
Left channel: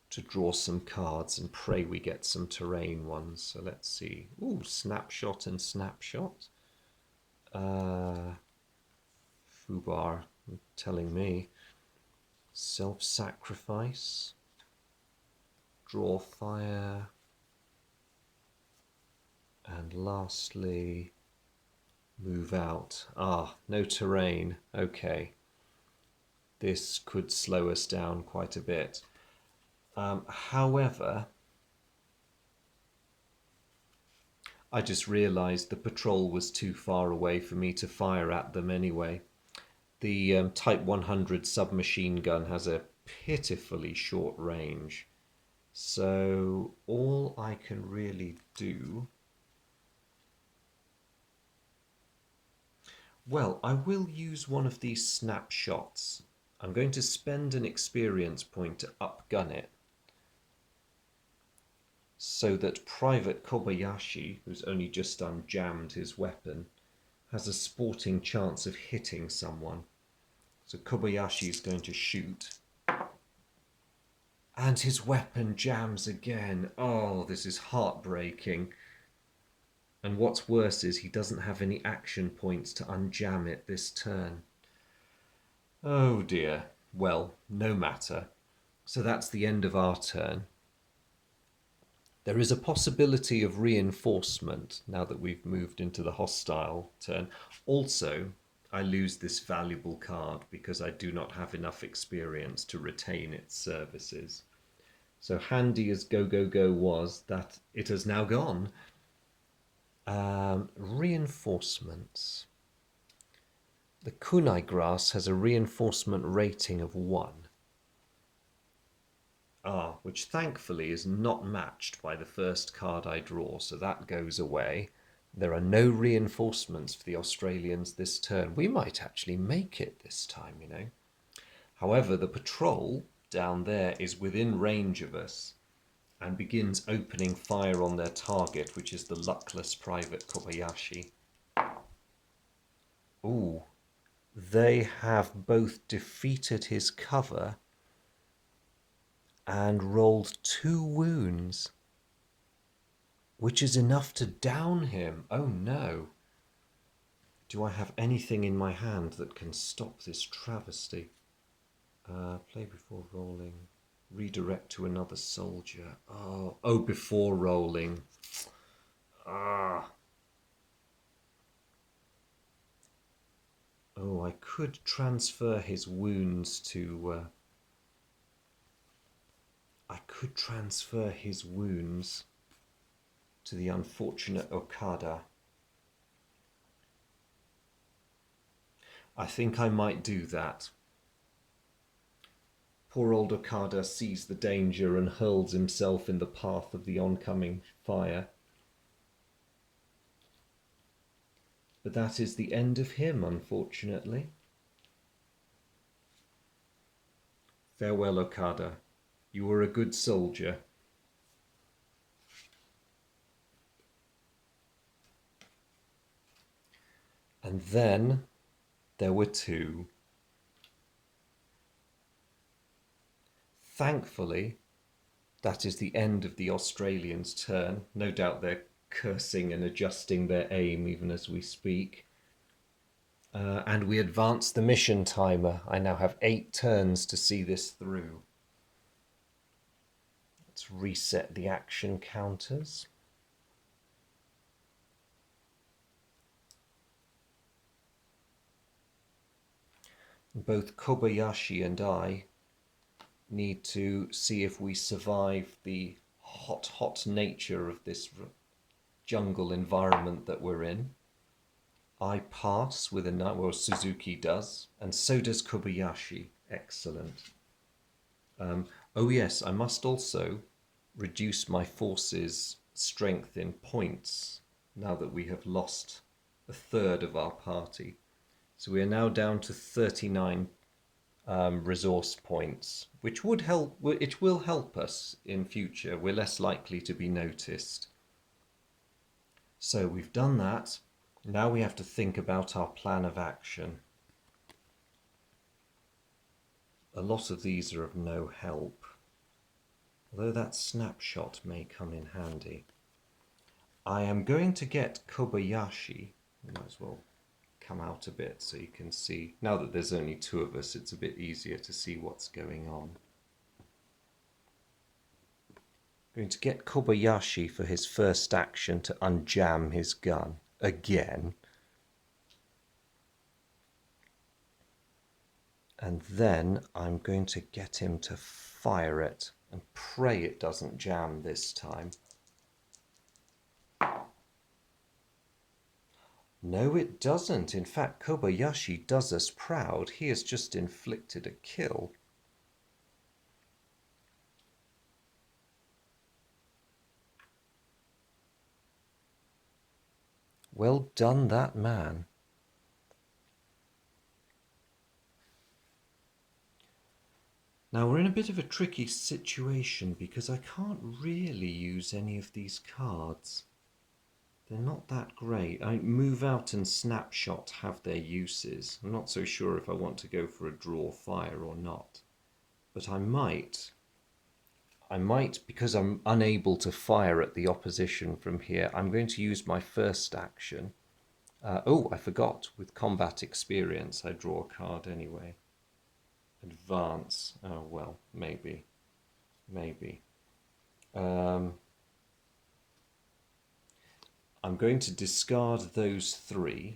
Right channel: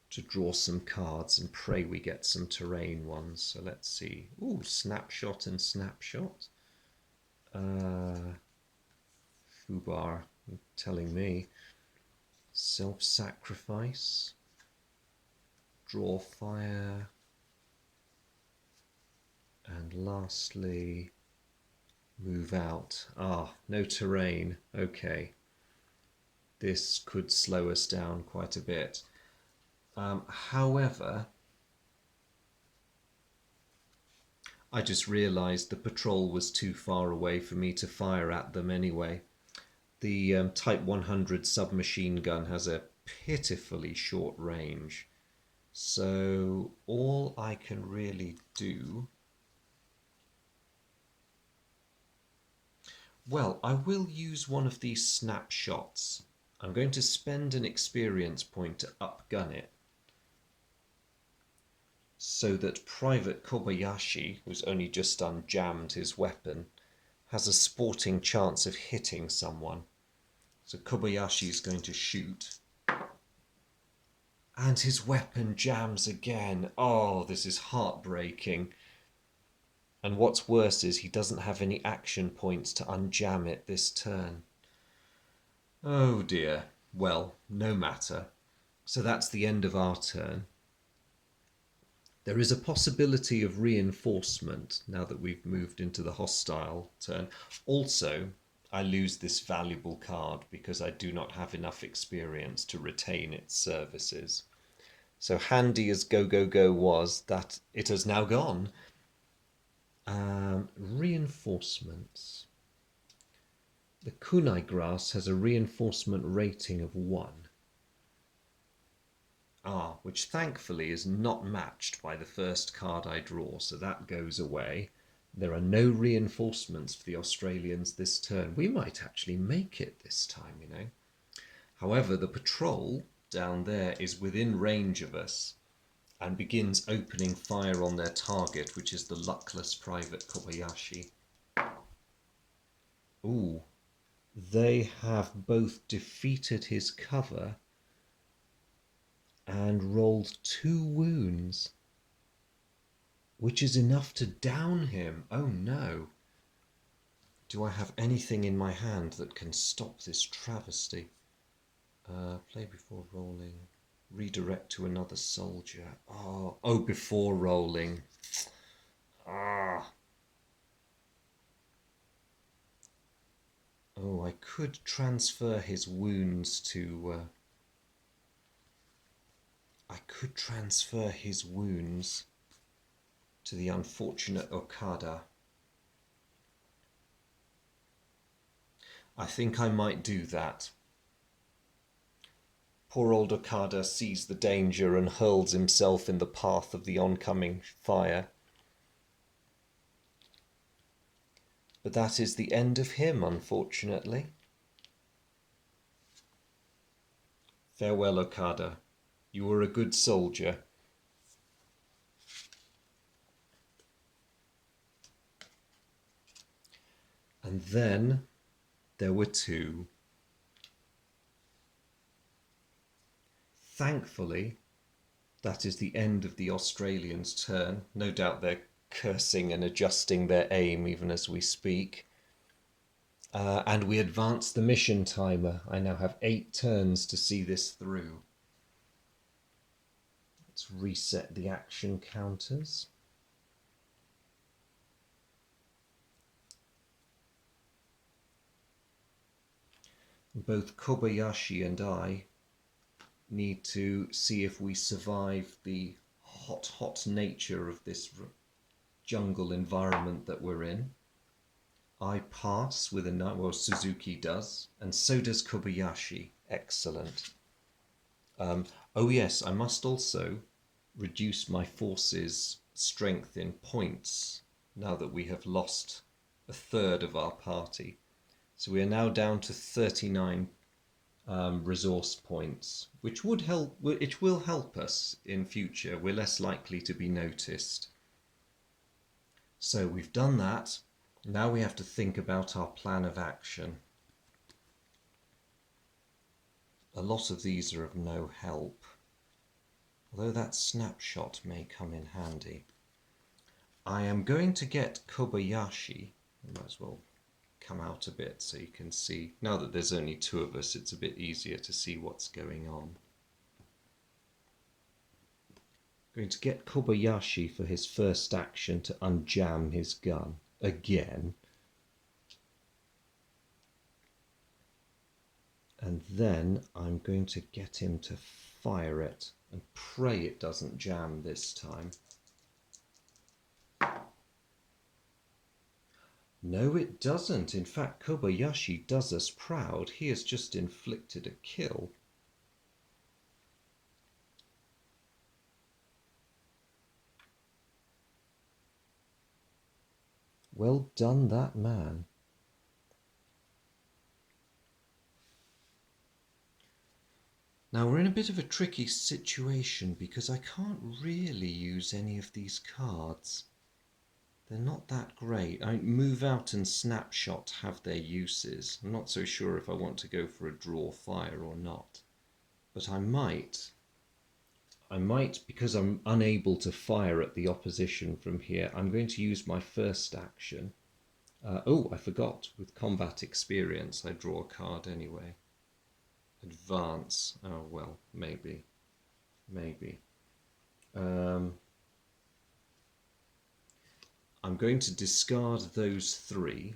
to draw some cards and pray we get some terrain ones. So let's see. Ooh, snapshot and snapshot. Fubar telling me. Self-sacrifice. Draw fire. And lastly, move out. Ah, no terrain. Okay. This could slow us down quite a bit. However, I just realised the patrol was too far away for me to fire at them anyway. The Type 100 submachine gun has a pitifully short range. So all I can really do... Well, I will use one of these snapshots. I'm going to spend an experience point to upgun it, so that Private Kobayashi, who's only just unjammed his weapon, has a sporting chance of hitting someone. So Kobayashi is going to shoot. And his weapon jams again. Oh, this is heartbreaking. And what's worse is he doesn't have any action points to unjam it this turn. Oh dear. Well, no matter. So that's the end of our turn. There is a possibility of reinforcement now that we've moved into the hostile turn. Also, I lose this valuable card because I do not have enough experience to retain its services. So handy as Go Go Go was, that it has now gone. Reinforcements. The kunai grass has a reinforcement rating of 1. Which thankfully is not matched by the first card I draw, so that goes away. There are no reinforcements for the Australians this turn. We might actually make it this time, you know. However, the patrol down there is within range of us and begins opening fire on their target, which is the luckless Private Kobayashi. Ooh, they have both defeated his cover and rolled 2 wounds, which is enough to down him. Oh no. Do I have anything in my hand that can stop this travesty? Play before rolling. Redirect to another soldier. Oh, before rolling. Oh, I could transfer his wounds to... I could transfer his wounds to the unfortunate Okada. I think I might do that. Poor old Okada sees the danger and hurls himself in the path of the oncoming fire. But that is the end of him, unfortunately. Farewell, Okada. You were a good soldier. And then there were 2. Thankfully, that is the end of the Australians' turn. No doubt they're cursing and adjusting their aim even as we speak. And we advance the mission timer. I now have 8 turns to see this through. Let's reset the action counters. Both Kobayashi and I need to see if we survive the hot nature of this jungle environment that we're in. I pass with a 9, well, Suzuki does, and so does Kobayashi. Excellent. Oh yes, I must also reduce my force's strength in points now that we have lost a third of our party. So we are now down to 39 resource points, which would help. It will help us in future. We're less likely to be noticed. So we've done that. Now we have to think about our plan of action. A lot of these are of no help, although that snapshot may come in handy. I am going to get Kobayashi. I might as well come out a bit so you can see. Now that there's only 2 of us, it's a bit easier to see what's going on. I'm going to get Kobayashi for his first action to unjam his gun again. And then I'm going to get him to fire it and pray it doesn't jam this time. No, it doesn't. In fact, Kobayashi does us proud. He has just inflicted a kill. Well done, that man. Now we're in a bit of a tricky situation because I can't really use any of these cards. They're not that great. Move out and snapshot have their uses. I'm not so sure if I want to go for a draw fire or not. But I might, because I'm unable to fire at the opposition from here, I'm going to use my first action. Oh, I forgot. With combat experience, I draw a card anyway. Advance. Oh, well, maybe. I'm going to discard those 3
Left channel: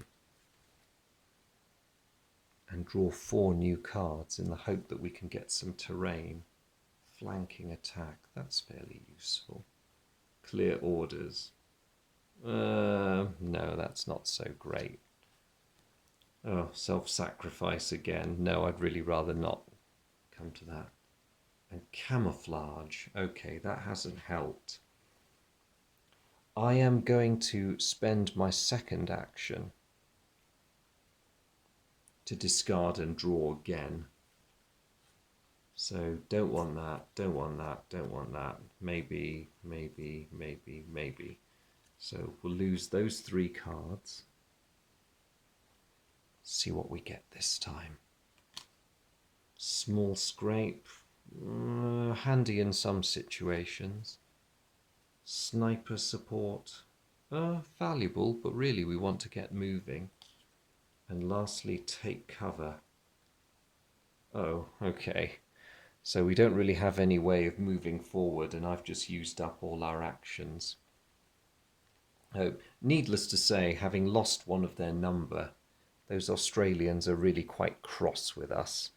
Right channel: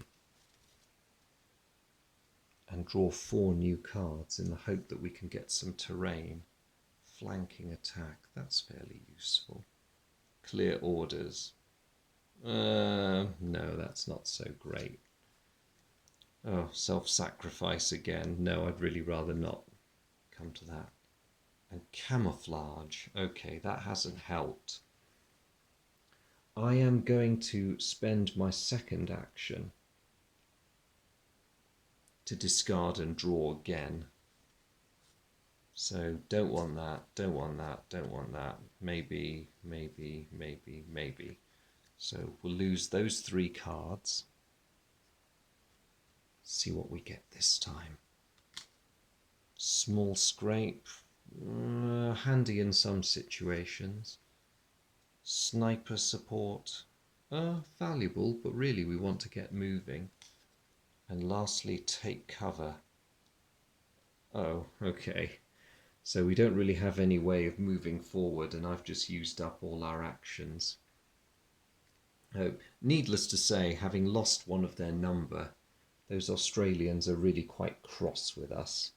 and draw 4 new cards in the hope that we can get some terrain. Flanking attack, that's fairly useful. Clear orders. No, that's not so great. Oh, self-sacrifice again. No, I'd really rather not come to that. And camouflage. Okay, that hasn't helped. I am going to spend my second action to discard and draw again. So don't want that, don't want that, don't want that. Maybe, maybe, maybe, maybe. So we'll lose those 3 cards. See what we get this time. Small scrape, handy in some situations. Sniper support, valuable, but really we want to get moving. And lastly, take cover. Oh, okay. So we don't really have any way of moving forward, and I've just used up all our actions. Oh, needless to say, having lost one of their number, those Australians are really quite cross with us.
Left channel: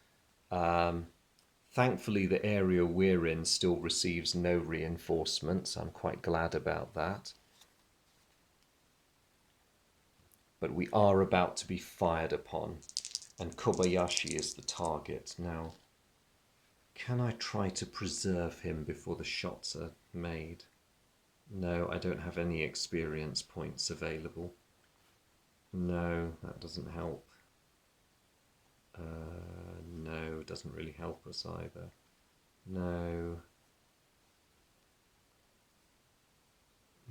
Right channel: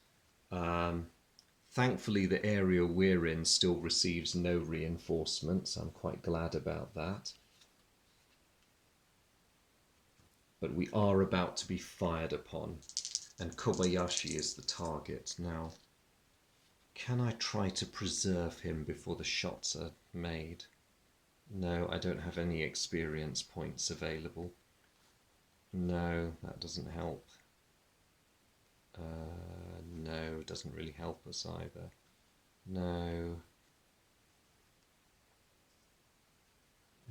Thankfully, the area we're in still receives no reinforcements. I'm quite glad about that. But we are about to be fired upon, and Kobayashi is the target. Now, can I try to preserve him before the shots are made? No, I don't have any experience points available. No, that doesn't help. No, it doesn't really help us either. No.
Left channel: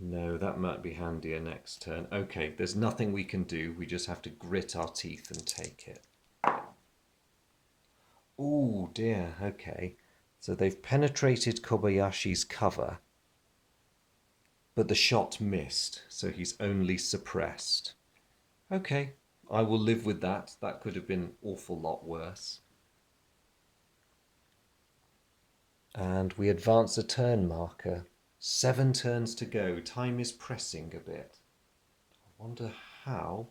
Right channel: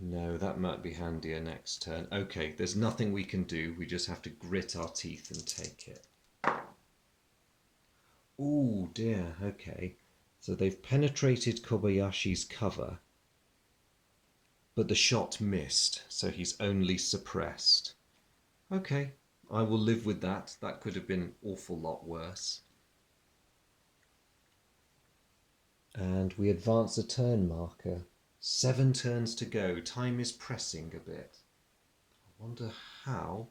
No, that might be handier next turn. Okay, there's nothing we can do. We just have to grit our teeth and take it. Oh dear, okay. So they've penetrated Kobayashi's cover, but the shot missed, so he's only suppressed. Okay, I will live with that. That could have been an awful lot worse. And we advance a turn marker. 7 turns to go. Time is pressing a bit. I wonder how.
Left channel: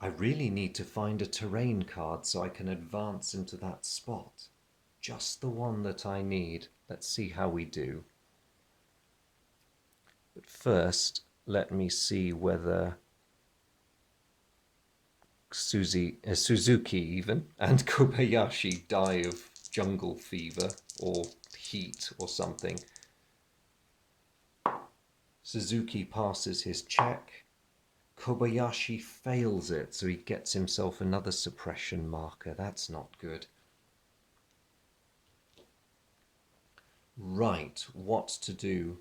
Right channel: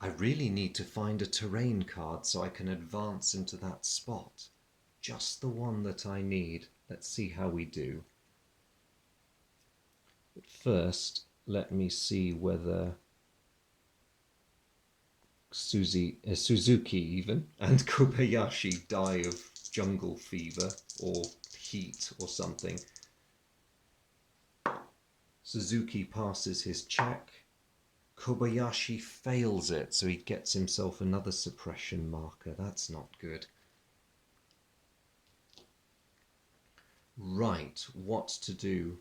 I really need to find a terrain card so I can advance into that spot. Just the one that I need. Let's see how we do. But first, let me see whether Suzuki even and Kobayashi die of jungle fever or heat or something. Suzuki passes his check. Kobayashi fails it, so he gets himself another suppression marker. That's not good. Right, what to do?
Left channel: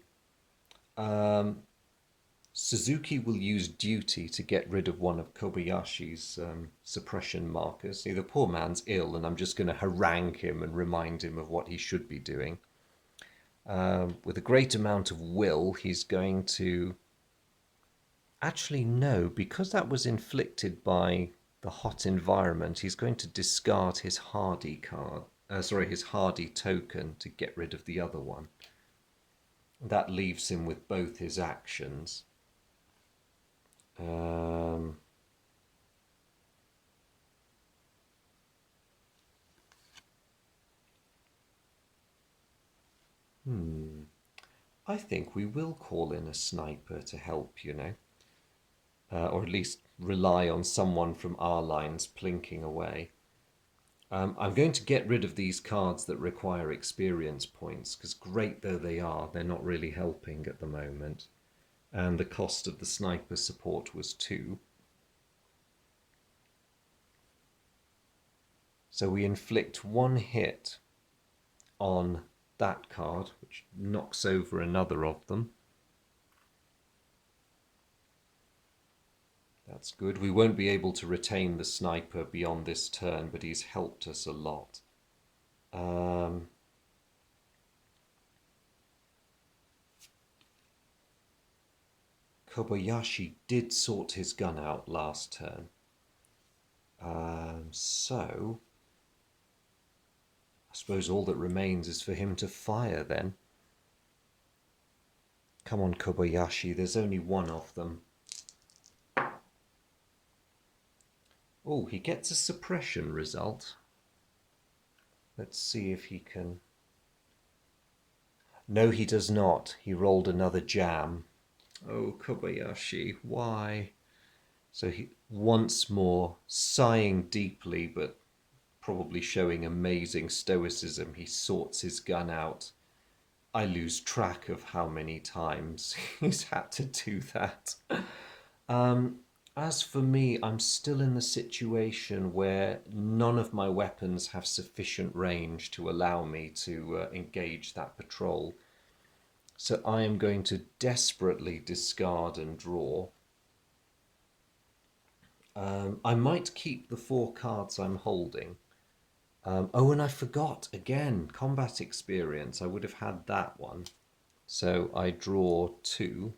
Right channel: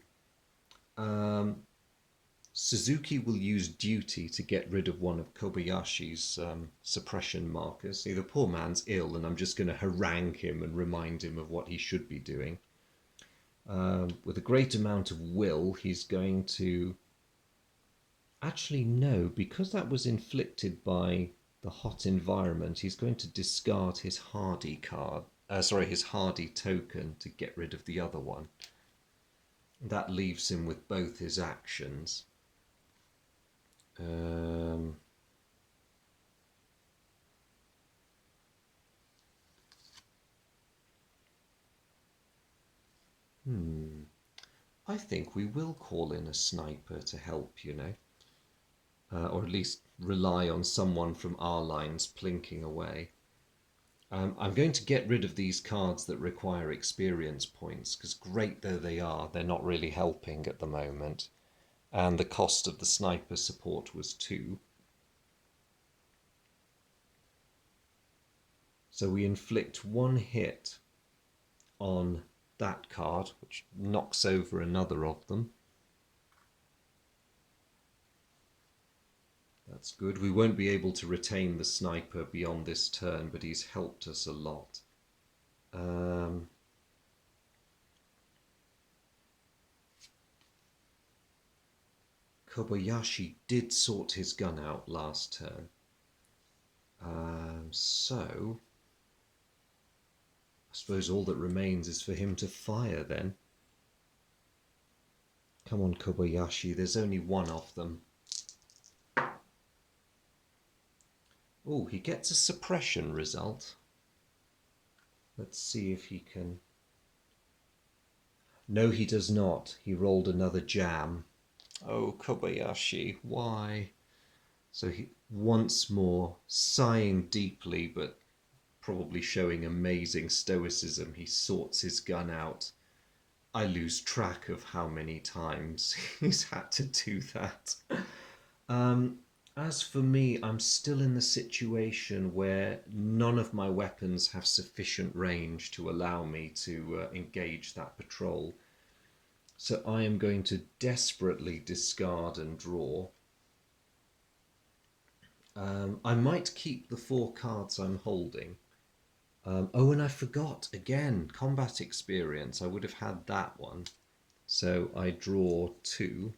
Suzuki will use duty to get rid of one of Kobayashi's suppression markers. See, the poor man's ill, and I'm just going to harangue him and remind him of what he should be doing. With a great amount of will, he's going to... Actually, no, because that was inflicted by the hot environment, he's going to discard his hardy card. His hardy token to get rid of the other one. That leaves him with both his actions. I think we will call in a sniper to help, you know. Or at least rely on someone from our lines plinking away. I'm going to get rid of these cards that require experience points, because great though they are, they're not really helping at the moment. And the cost of the sniper support was 2. So we inflict 1 hit on that card, which knocks over another of them. That's good. We won't be able to retain the sniper beyond this turn, but he's helped us a lot. Kobayashi did sort his gun out last turn. So I suppose all that remains is for him to fire then. Come on, Kobayashi, there's only one of them. Oh, he gets a suppression result. Let's see if he can... No, he does not. He rolled another jam. Oh, Kobayashi, why? So he once more, sighing deeply, but probably showing amazing stoicism. He sorts his gun out. I lose track of how many times he's had to do that. Um, as for me, I'm still in the situation where none of my weapons have sufficient range to allow me to engage that patrol. So I am going to desperately discard and draw. I might keep the 4 cards I'm holding. Oh, and I forgot again, combat experience. I would have had that one. So I draw 2.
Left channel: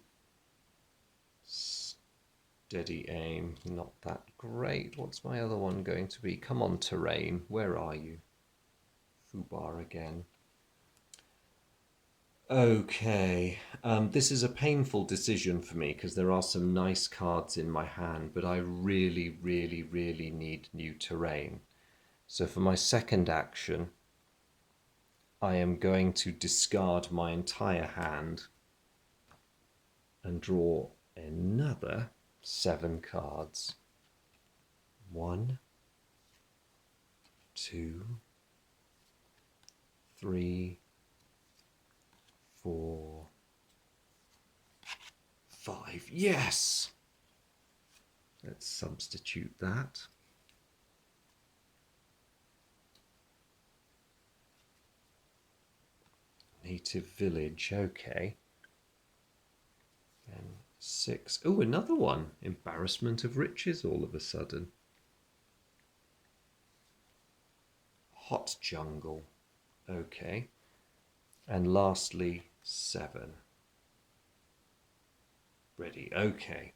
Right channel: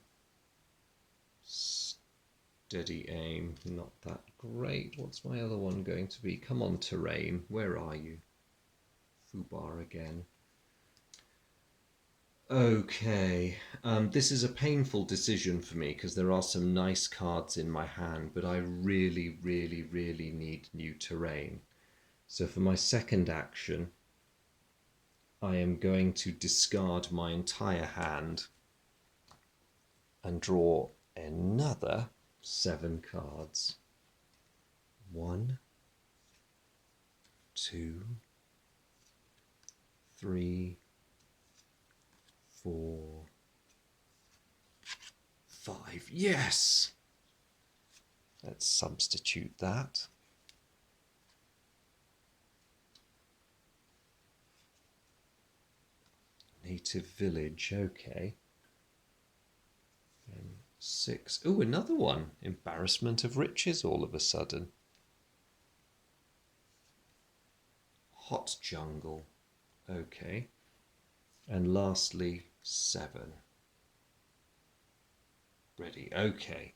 Steady aim, not that great. What's my other one going to be? Come on, terrain. Where are you? Fubar again. Okay, this is a painful decision for me because there are some nice cards in my hand, but I really, really, really need new terrain. So for my second action, I am going to discard my entire hand and draw another 7 cards. 1, 2, 3, 4, 5. Yes! Let's substitute that. Native village, okay. And 6. Oh, another one. Embarrassment of riches all of a sudden. Hot jungle, okay. And lastly, 7. Ready, okay.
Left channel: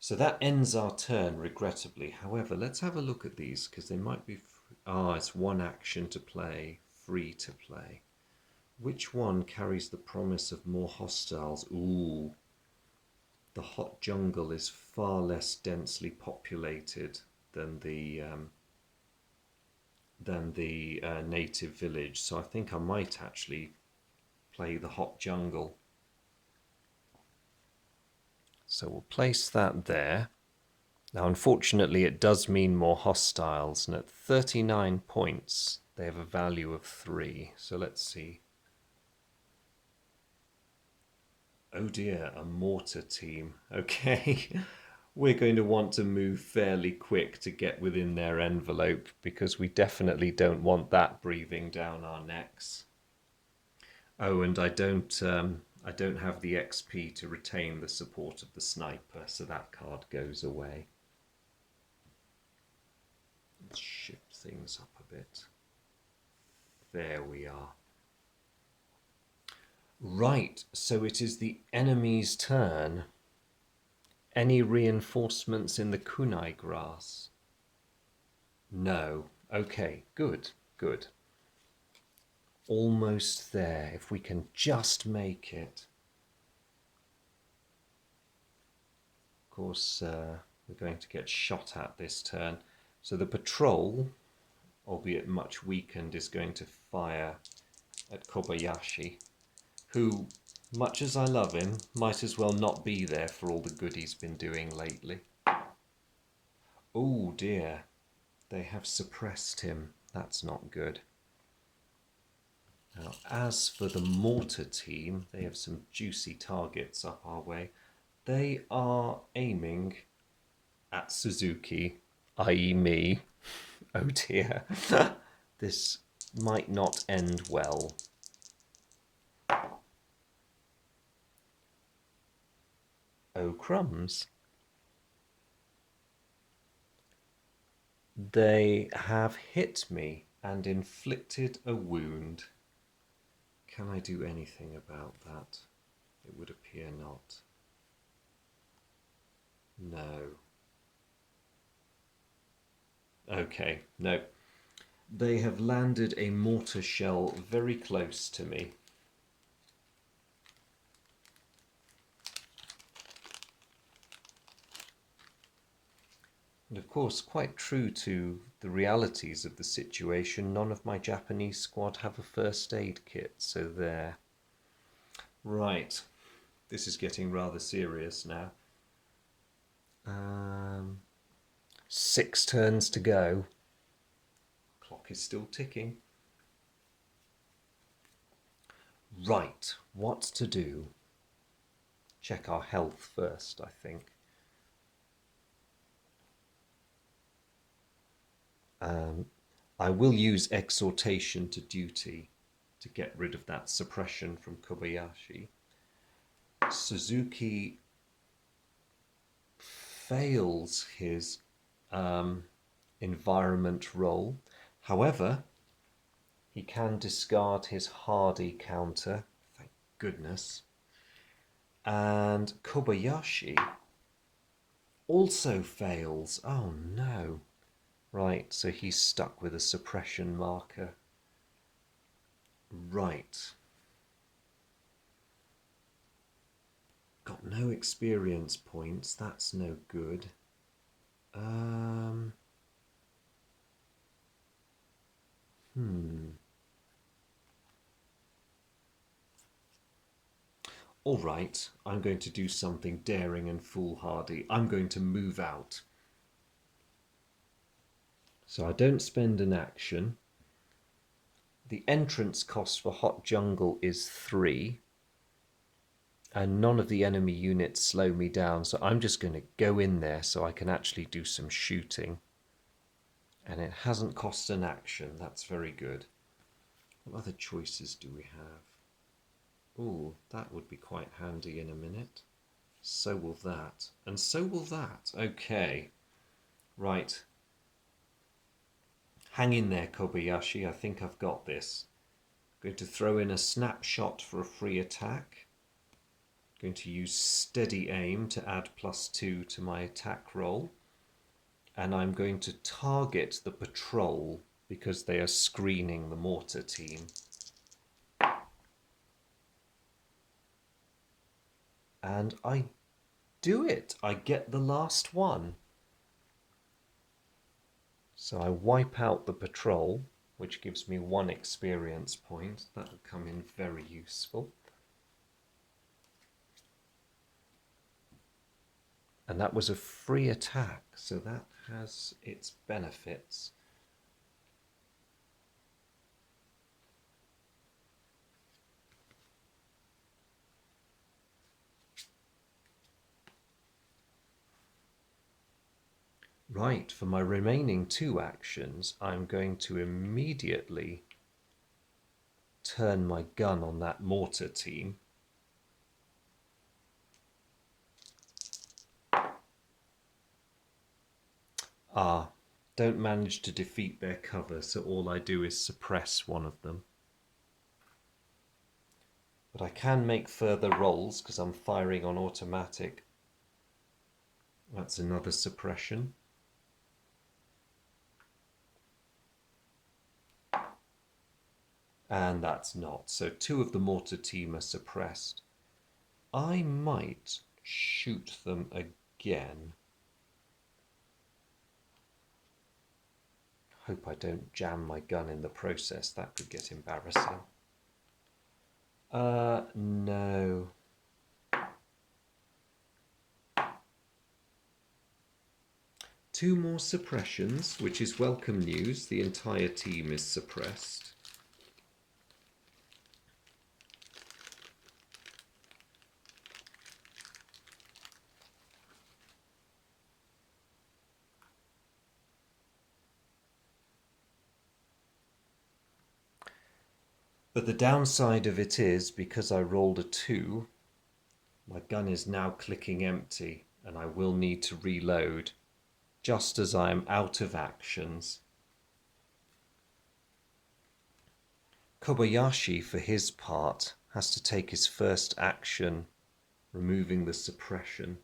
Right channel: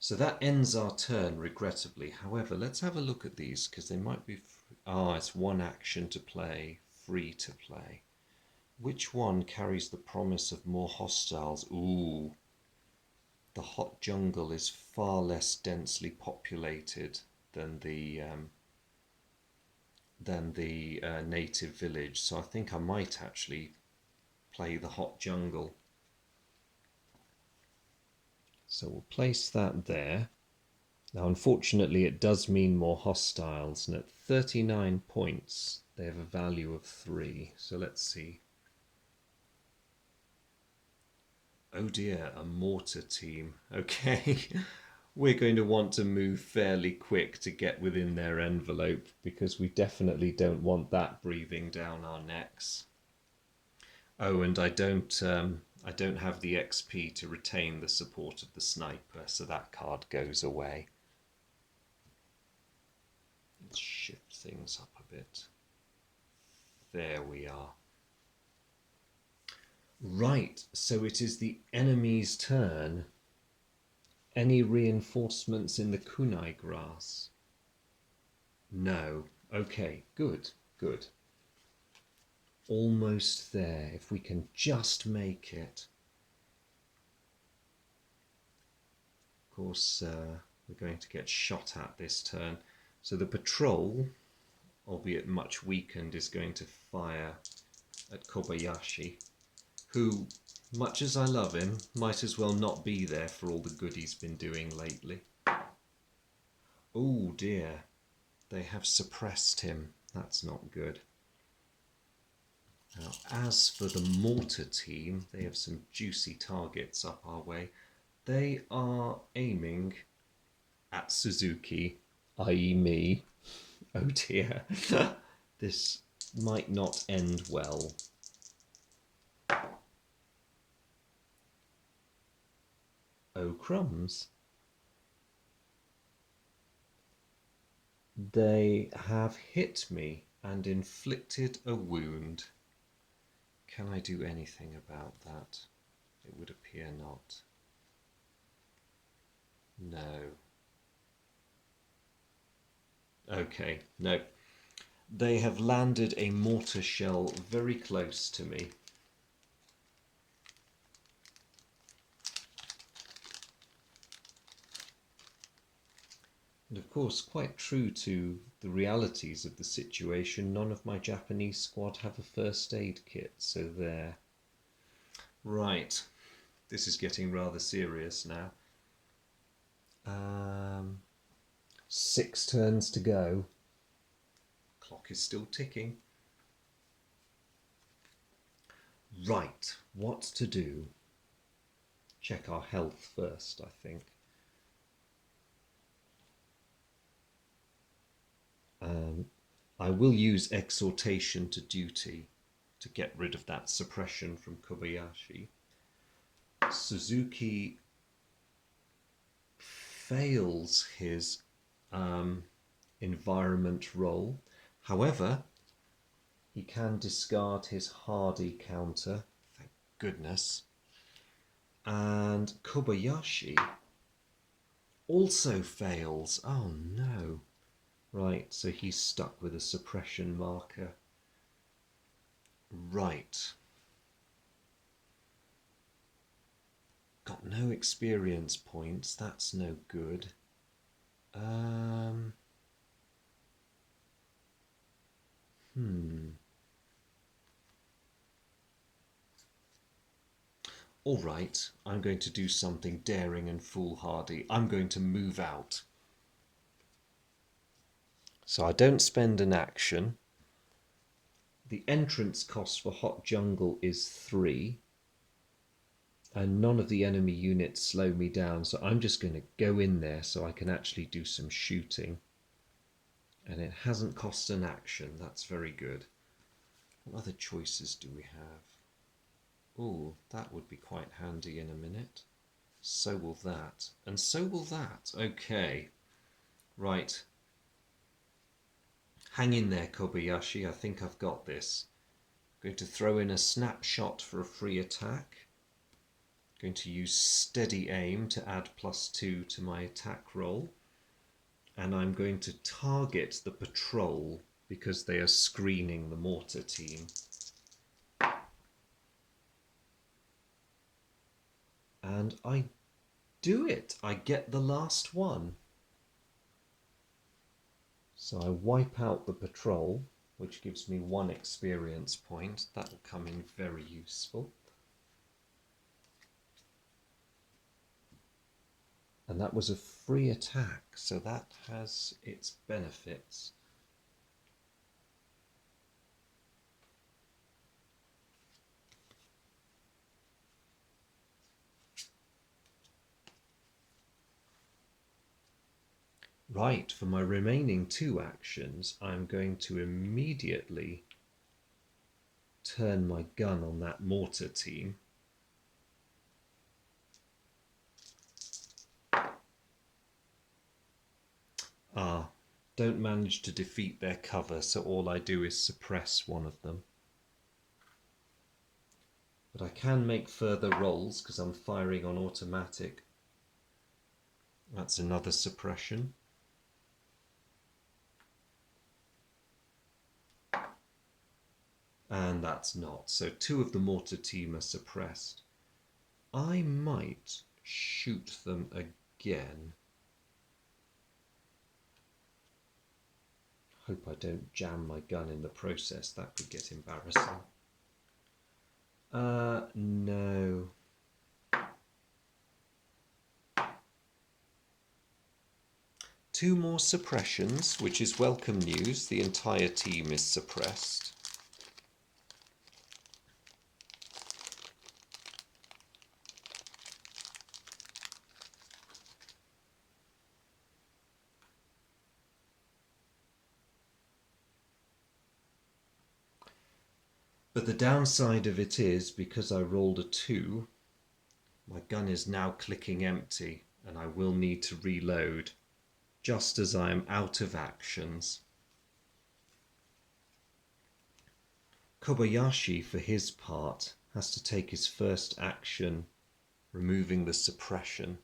So that ends our turn, regrettably. However, let's have a look at these, because they might be... it's 1 action to play, free to play. Which one carries the promise of more hostiles? Ooh, the hot jungle is far less densely populated than the native village. So I think I might actually play the hot jungle. So we'll place that there. Now, unfortunately, it does mean more hostiles, and at 39 points, they have a value of 3. So let's see. Oh dear, a mortar team. Okay, we're going to want to move fairly quick to get within their envelope because we definitely don't want that breathing down our necks. Oh, and I don't have the XP to retain the support of the sniper, so that card goes away. Let's shift things up a bit. There we are. Right, so it is the enemy's turn. Any reinforcements in the kunai grass? No. Okay, good, good. Almost there, if we can just make it. Of course, we're going to get shot at this turn. So the patrol, albeit much weakened, is going to fire at Kobayashi, who, much as I love him, might as well not be there for all the good he's been doing lately. Oh dear, they have suppressed him. That's not good. Now, as for the mortar team, they have some juicy targets up our way. They are aiming at Suzuki, i.e. me. Oh dear, this might not end well. Oh crumbs. They have hit me and inflicted a wound. Can I do anything about that? It would appear not. No. Okay, no. They have landed a mortar shell very close to me. And of course, quite true to the realities of the situation, none of my Japanese squad have a first aid kit, so there. Right, this is getting rather serious now. 6 turns to go. Clock is still ticking. Right, what to do? Check our health first, I think. I will use exhortation to duty to get rid of that suppression from Kobayashi. Suzuki fails his environment roll. However, he can discard his hardy counter, thank goodness. And Kobayashi also fails. Oh no. Right, so he's stuck with a suppression marker. Right. Got no experience points, that's no good. All right, I'm going to do something daring and foolhardy. I'm going to move out. So I don't spend an action. The entrance cost for Hot Jungle is 3. And none of the enemy units slow me down. So I'm just going to go in there so I can actually do some shooting. And it hasn't cost an action. That's very good. What other choices do we have? Oh, that would be quite handy in a minute. So will that. And so will that. Okay. Right. Hang in there, Kobayashi. I think I've got this. I'm going to throw in a snapshot for a free attack. I'm going to use steady aim to add +2 to my attack roll. And I'm going to target the patrol because they are screening the mortar team. And I do it. I get the last one. So I wipe out the patrol, which gives me 1 experience point. That will come in very useful. And that was a free attack, so that has its benefits. Right, for my remaining 2 actions, I'm going to immediately turn my gun on that mortar team. Ah, don't manage to defeat their cover, so all I do is suppress one of them. But I can make further rolls because I'm firing on automatic. That's another suppression. And that's not. So 2 of the mortar team are suppressed. I might shoot them again. Hope I don't jam my gun in the process. That could get embarrassing. No. Two more suppressions, which is welcome news. The entire team is suppressed. But the downside of it is, because I rolled a 2, my gun is now clicking empty, and I will need to reload, just as I am out of actions. Kobayashi, for his part, has to take his first action, removing the suppression.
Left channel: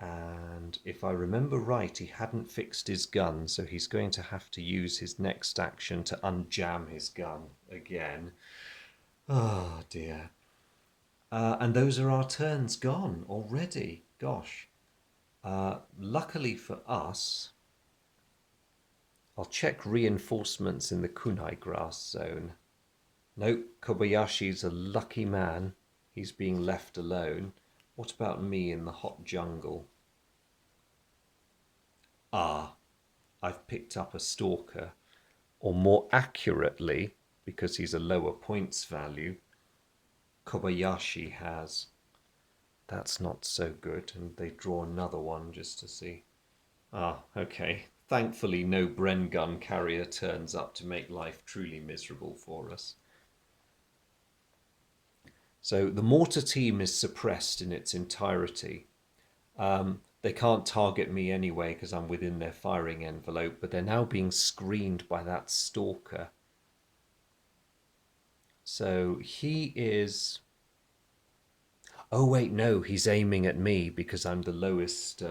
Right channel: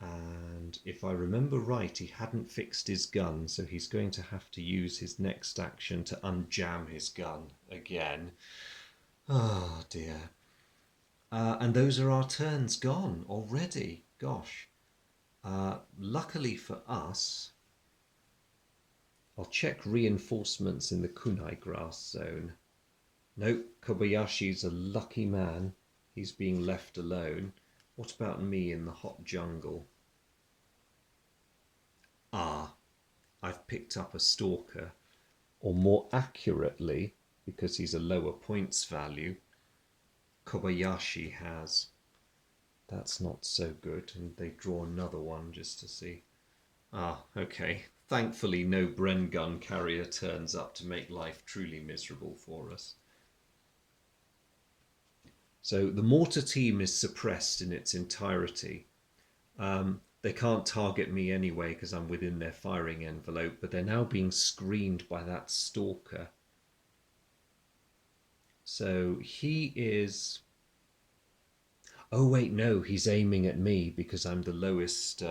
And if I remember right, he hadn't fixed his gun, so he's going to have to use his next action to unjam his gun again. Oh dear. And those are our turns gone already. Gosh. Luckily for us, I'll check reinforcements in the kunai grass zone. Nope, Kobayashi's a lucky man. He's being left alone. What about me in the hot jungle? Ah, I've picked up a stalker, or more accurately, because he's a lower points value, Kobayashi has. That's not so good, and they draw another one just to see. Ah, okay. Thankfully, no Bren gun carrier turns up to make life truly miserable for us. So the mortar team is suppressed in its entirety. They can't target me anyway because I'm within their firing envelope, but they're now being screened by that stalker. So he is... Oh wait, no, he's aiming at me because I'm the lowest...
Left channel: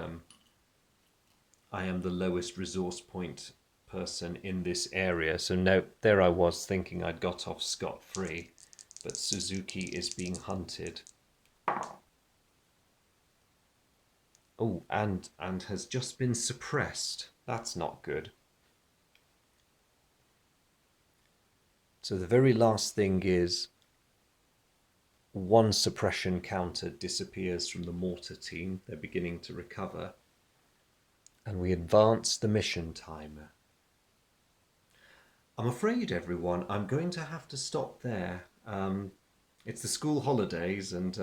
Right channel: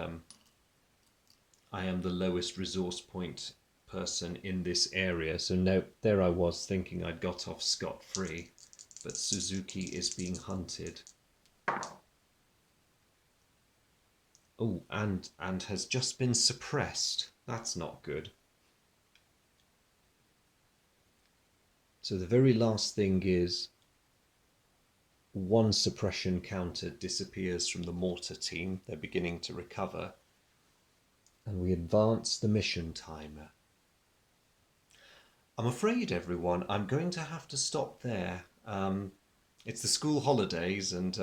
I am the lowest resource point person in this area. So no, there I was thinking I'd got off scot-free, but Suzuki is being hunted. Oh, and has just been suppressed. That's not good. So the very last thing is one suppression counter disappears from the mortar team. They're beginning to recover. And we advance the mission timer. I'm afraid, everyone, I'm going to have to stop there. It's the school holidays, and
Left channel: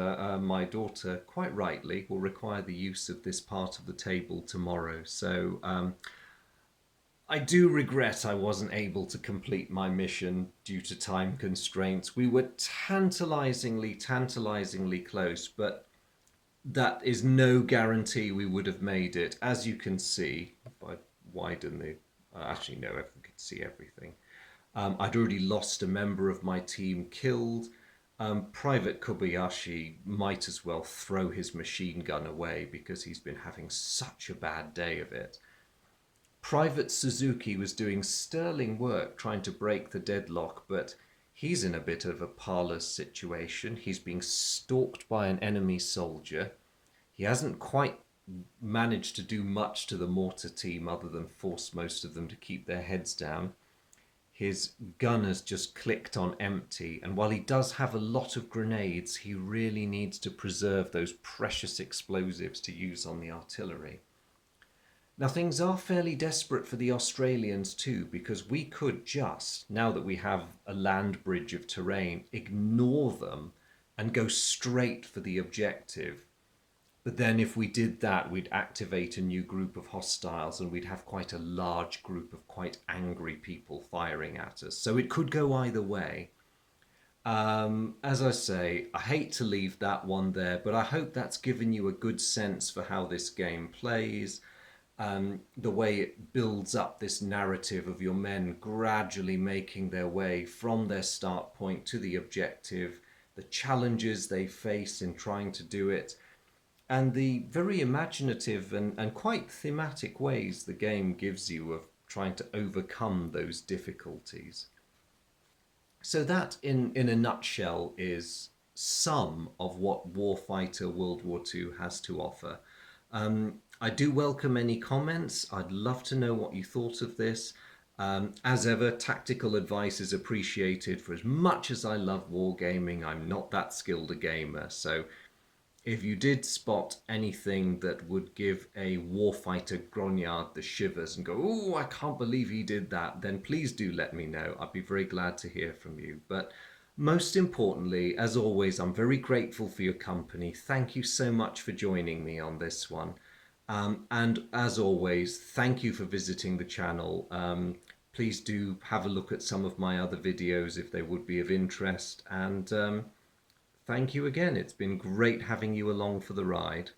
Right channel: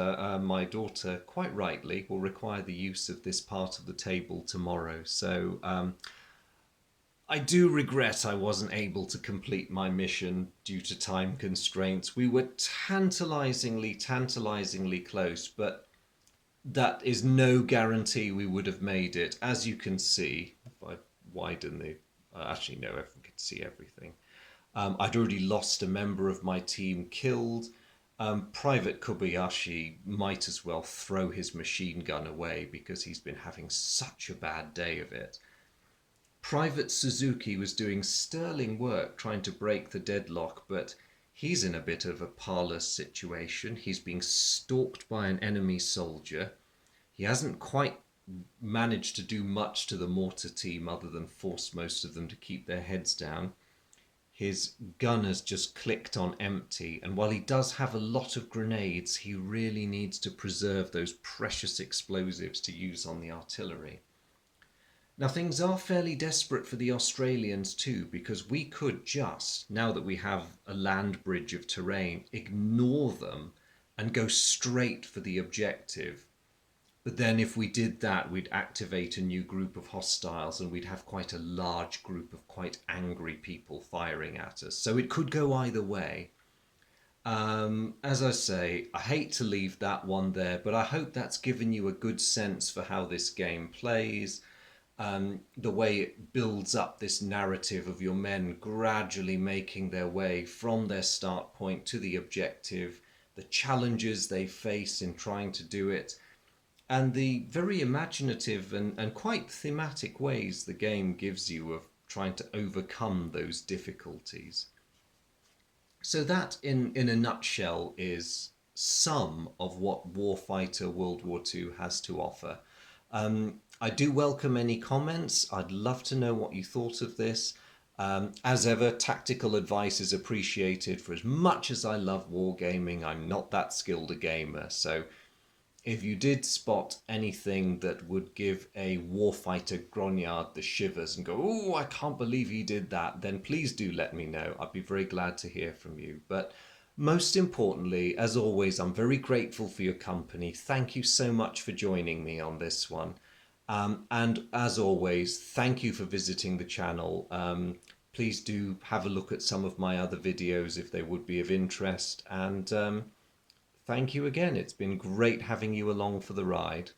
my daughter, quite rightly, will require the use of this part of the table tomorrow. So I do regret I wasn't able to complete my mission due to time constraints. We were tantalizingly close, but that is no guarantee we would have made it. As you can see, if I widen the... actually, no, everyone can see everything. I'd already lost a member of my team killed. Private Kobayashi might as well throw his machine gun away because he's been having such a bad day of it. Private Suzuki was doing sterling work trying to break the deadlock, but he's in a bit of a parlous situation. He's being stalked by an enemy soldier. He hasn't quite managed to do much to the mortar team other than force most of them to keep their heads down. His gun has just clicked on empty, and while he does have a lot of grenades, he really needs to preserve those precious explosives to use on the artillery. Now, things are fairly desperate for the Australians too, because we could just, now that we have a land bridge of terrain, ignore them and go straight for the objective. But then if we did that, we'd activate a new group of hostiles and we'd have quite a large group of quite angry people firing at us. So it could go either way. As I say, I hate to leave that one there, but I hope that's given you a good sense for how this game plays. The way it builds up this narrative of your men gradually making their way from their start point to the objective, the challenges they face in trying to do it, and the very imaginative and quite thematic ways the game gives you of trying to overcome those difficulties. So that, in a nutshell, is some of what Warfighter World War II has to offer. I do welcome any comments. I'd love to know what you thought of this. As ever, tactical advice is appreciated. For as much as I love wargaming, I'm not that skilled a gamer. So if you did spot anything that would give a warfighter grognard the shivers and go, oh, I can't believe he did that, then please do let me know. I'd be very glad to hear from you. But most importantly, as always, I'm very grateful for your company. Thank you so much for joining me on this one. And as always, thank you for visiting the channel. Please do have a look at some of my other videos if they would be of interest. And thank you again. It's been great having you along for the ride.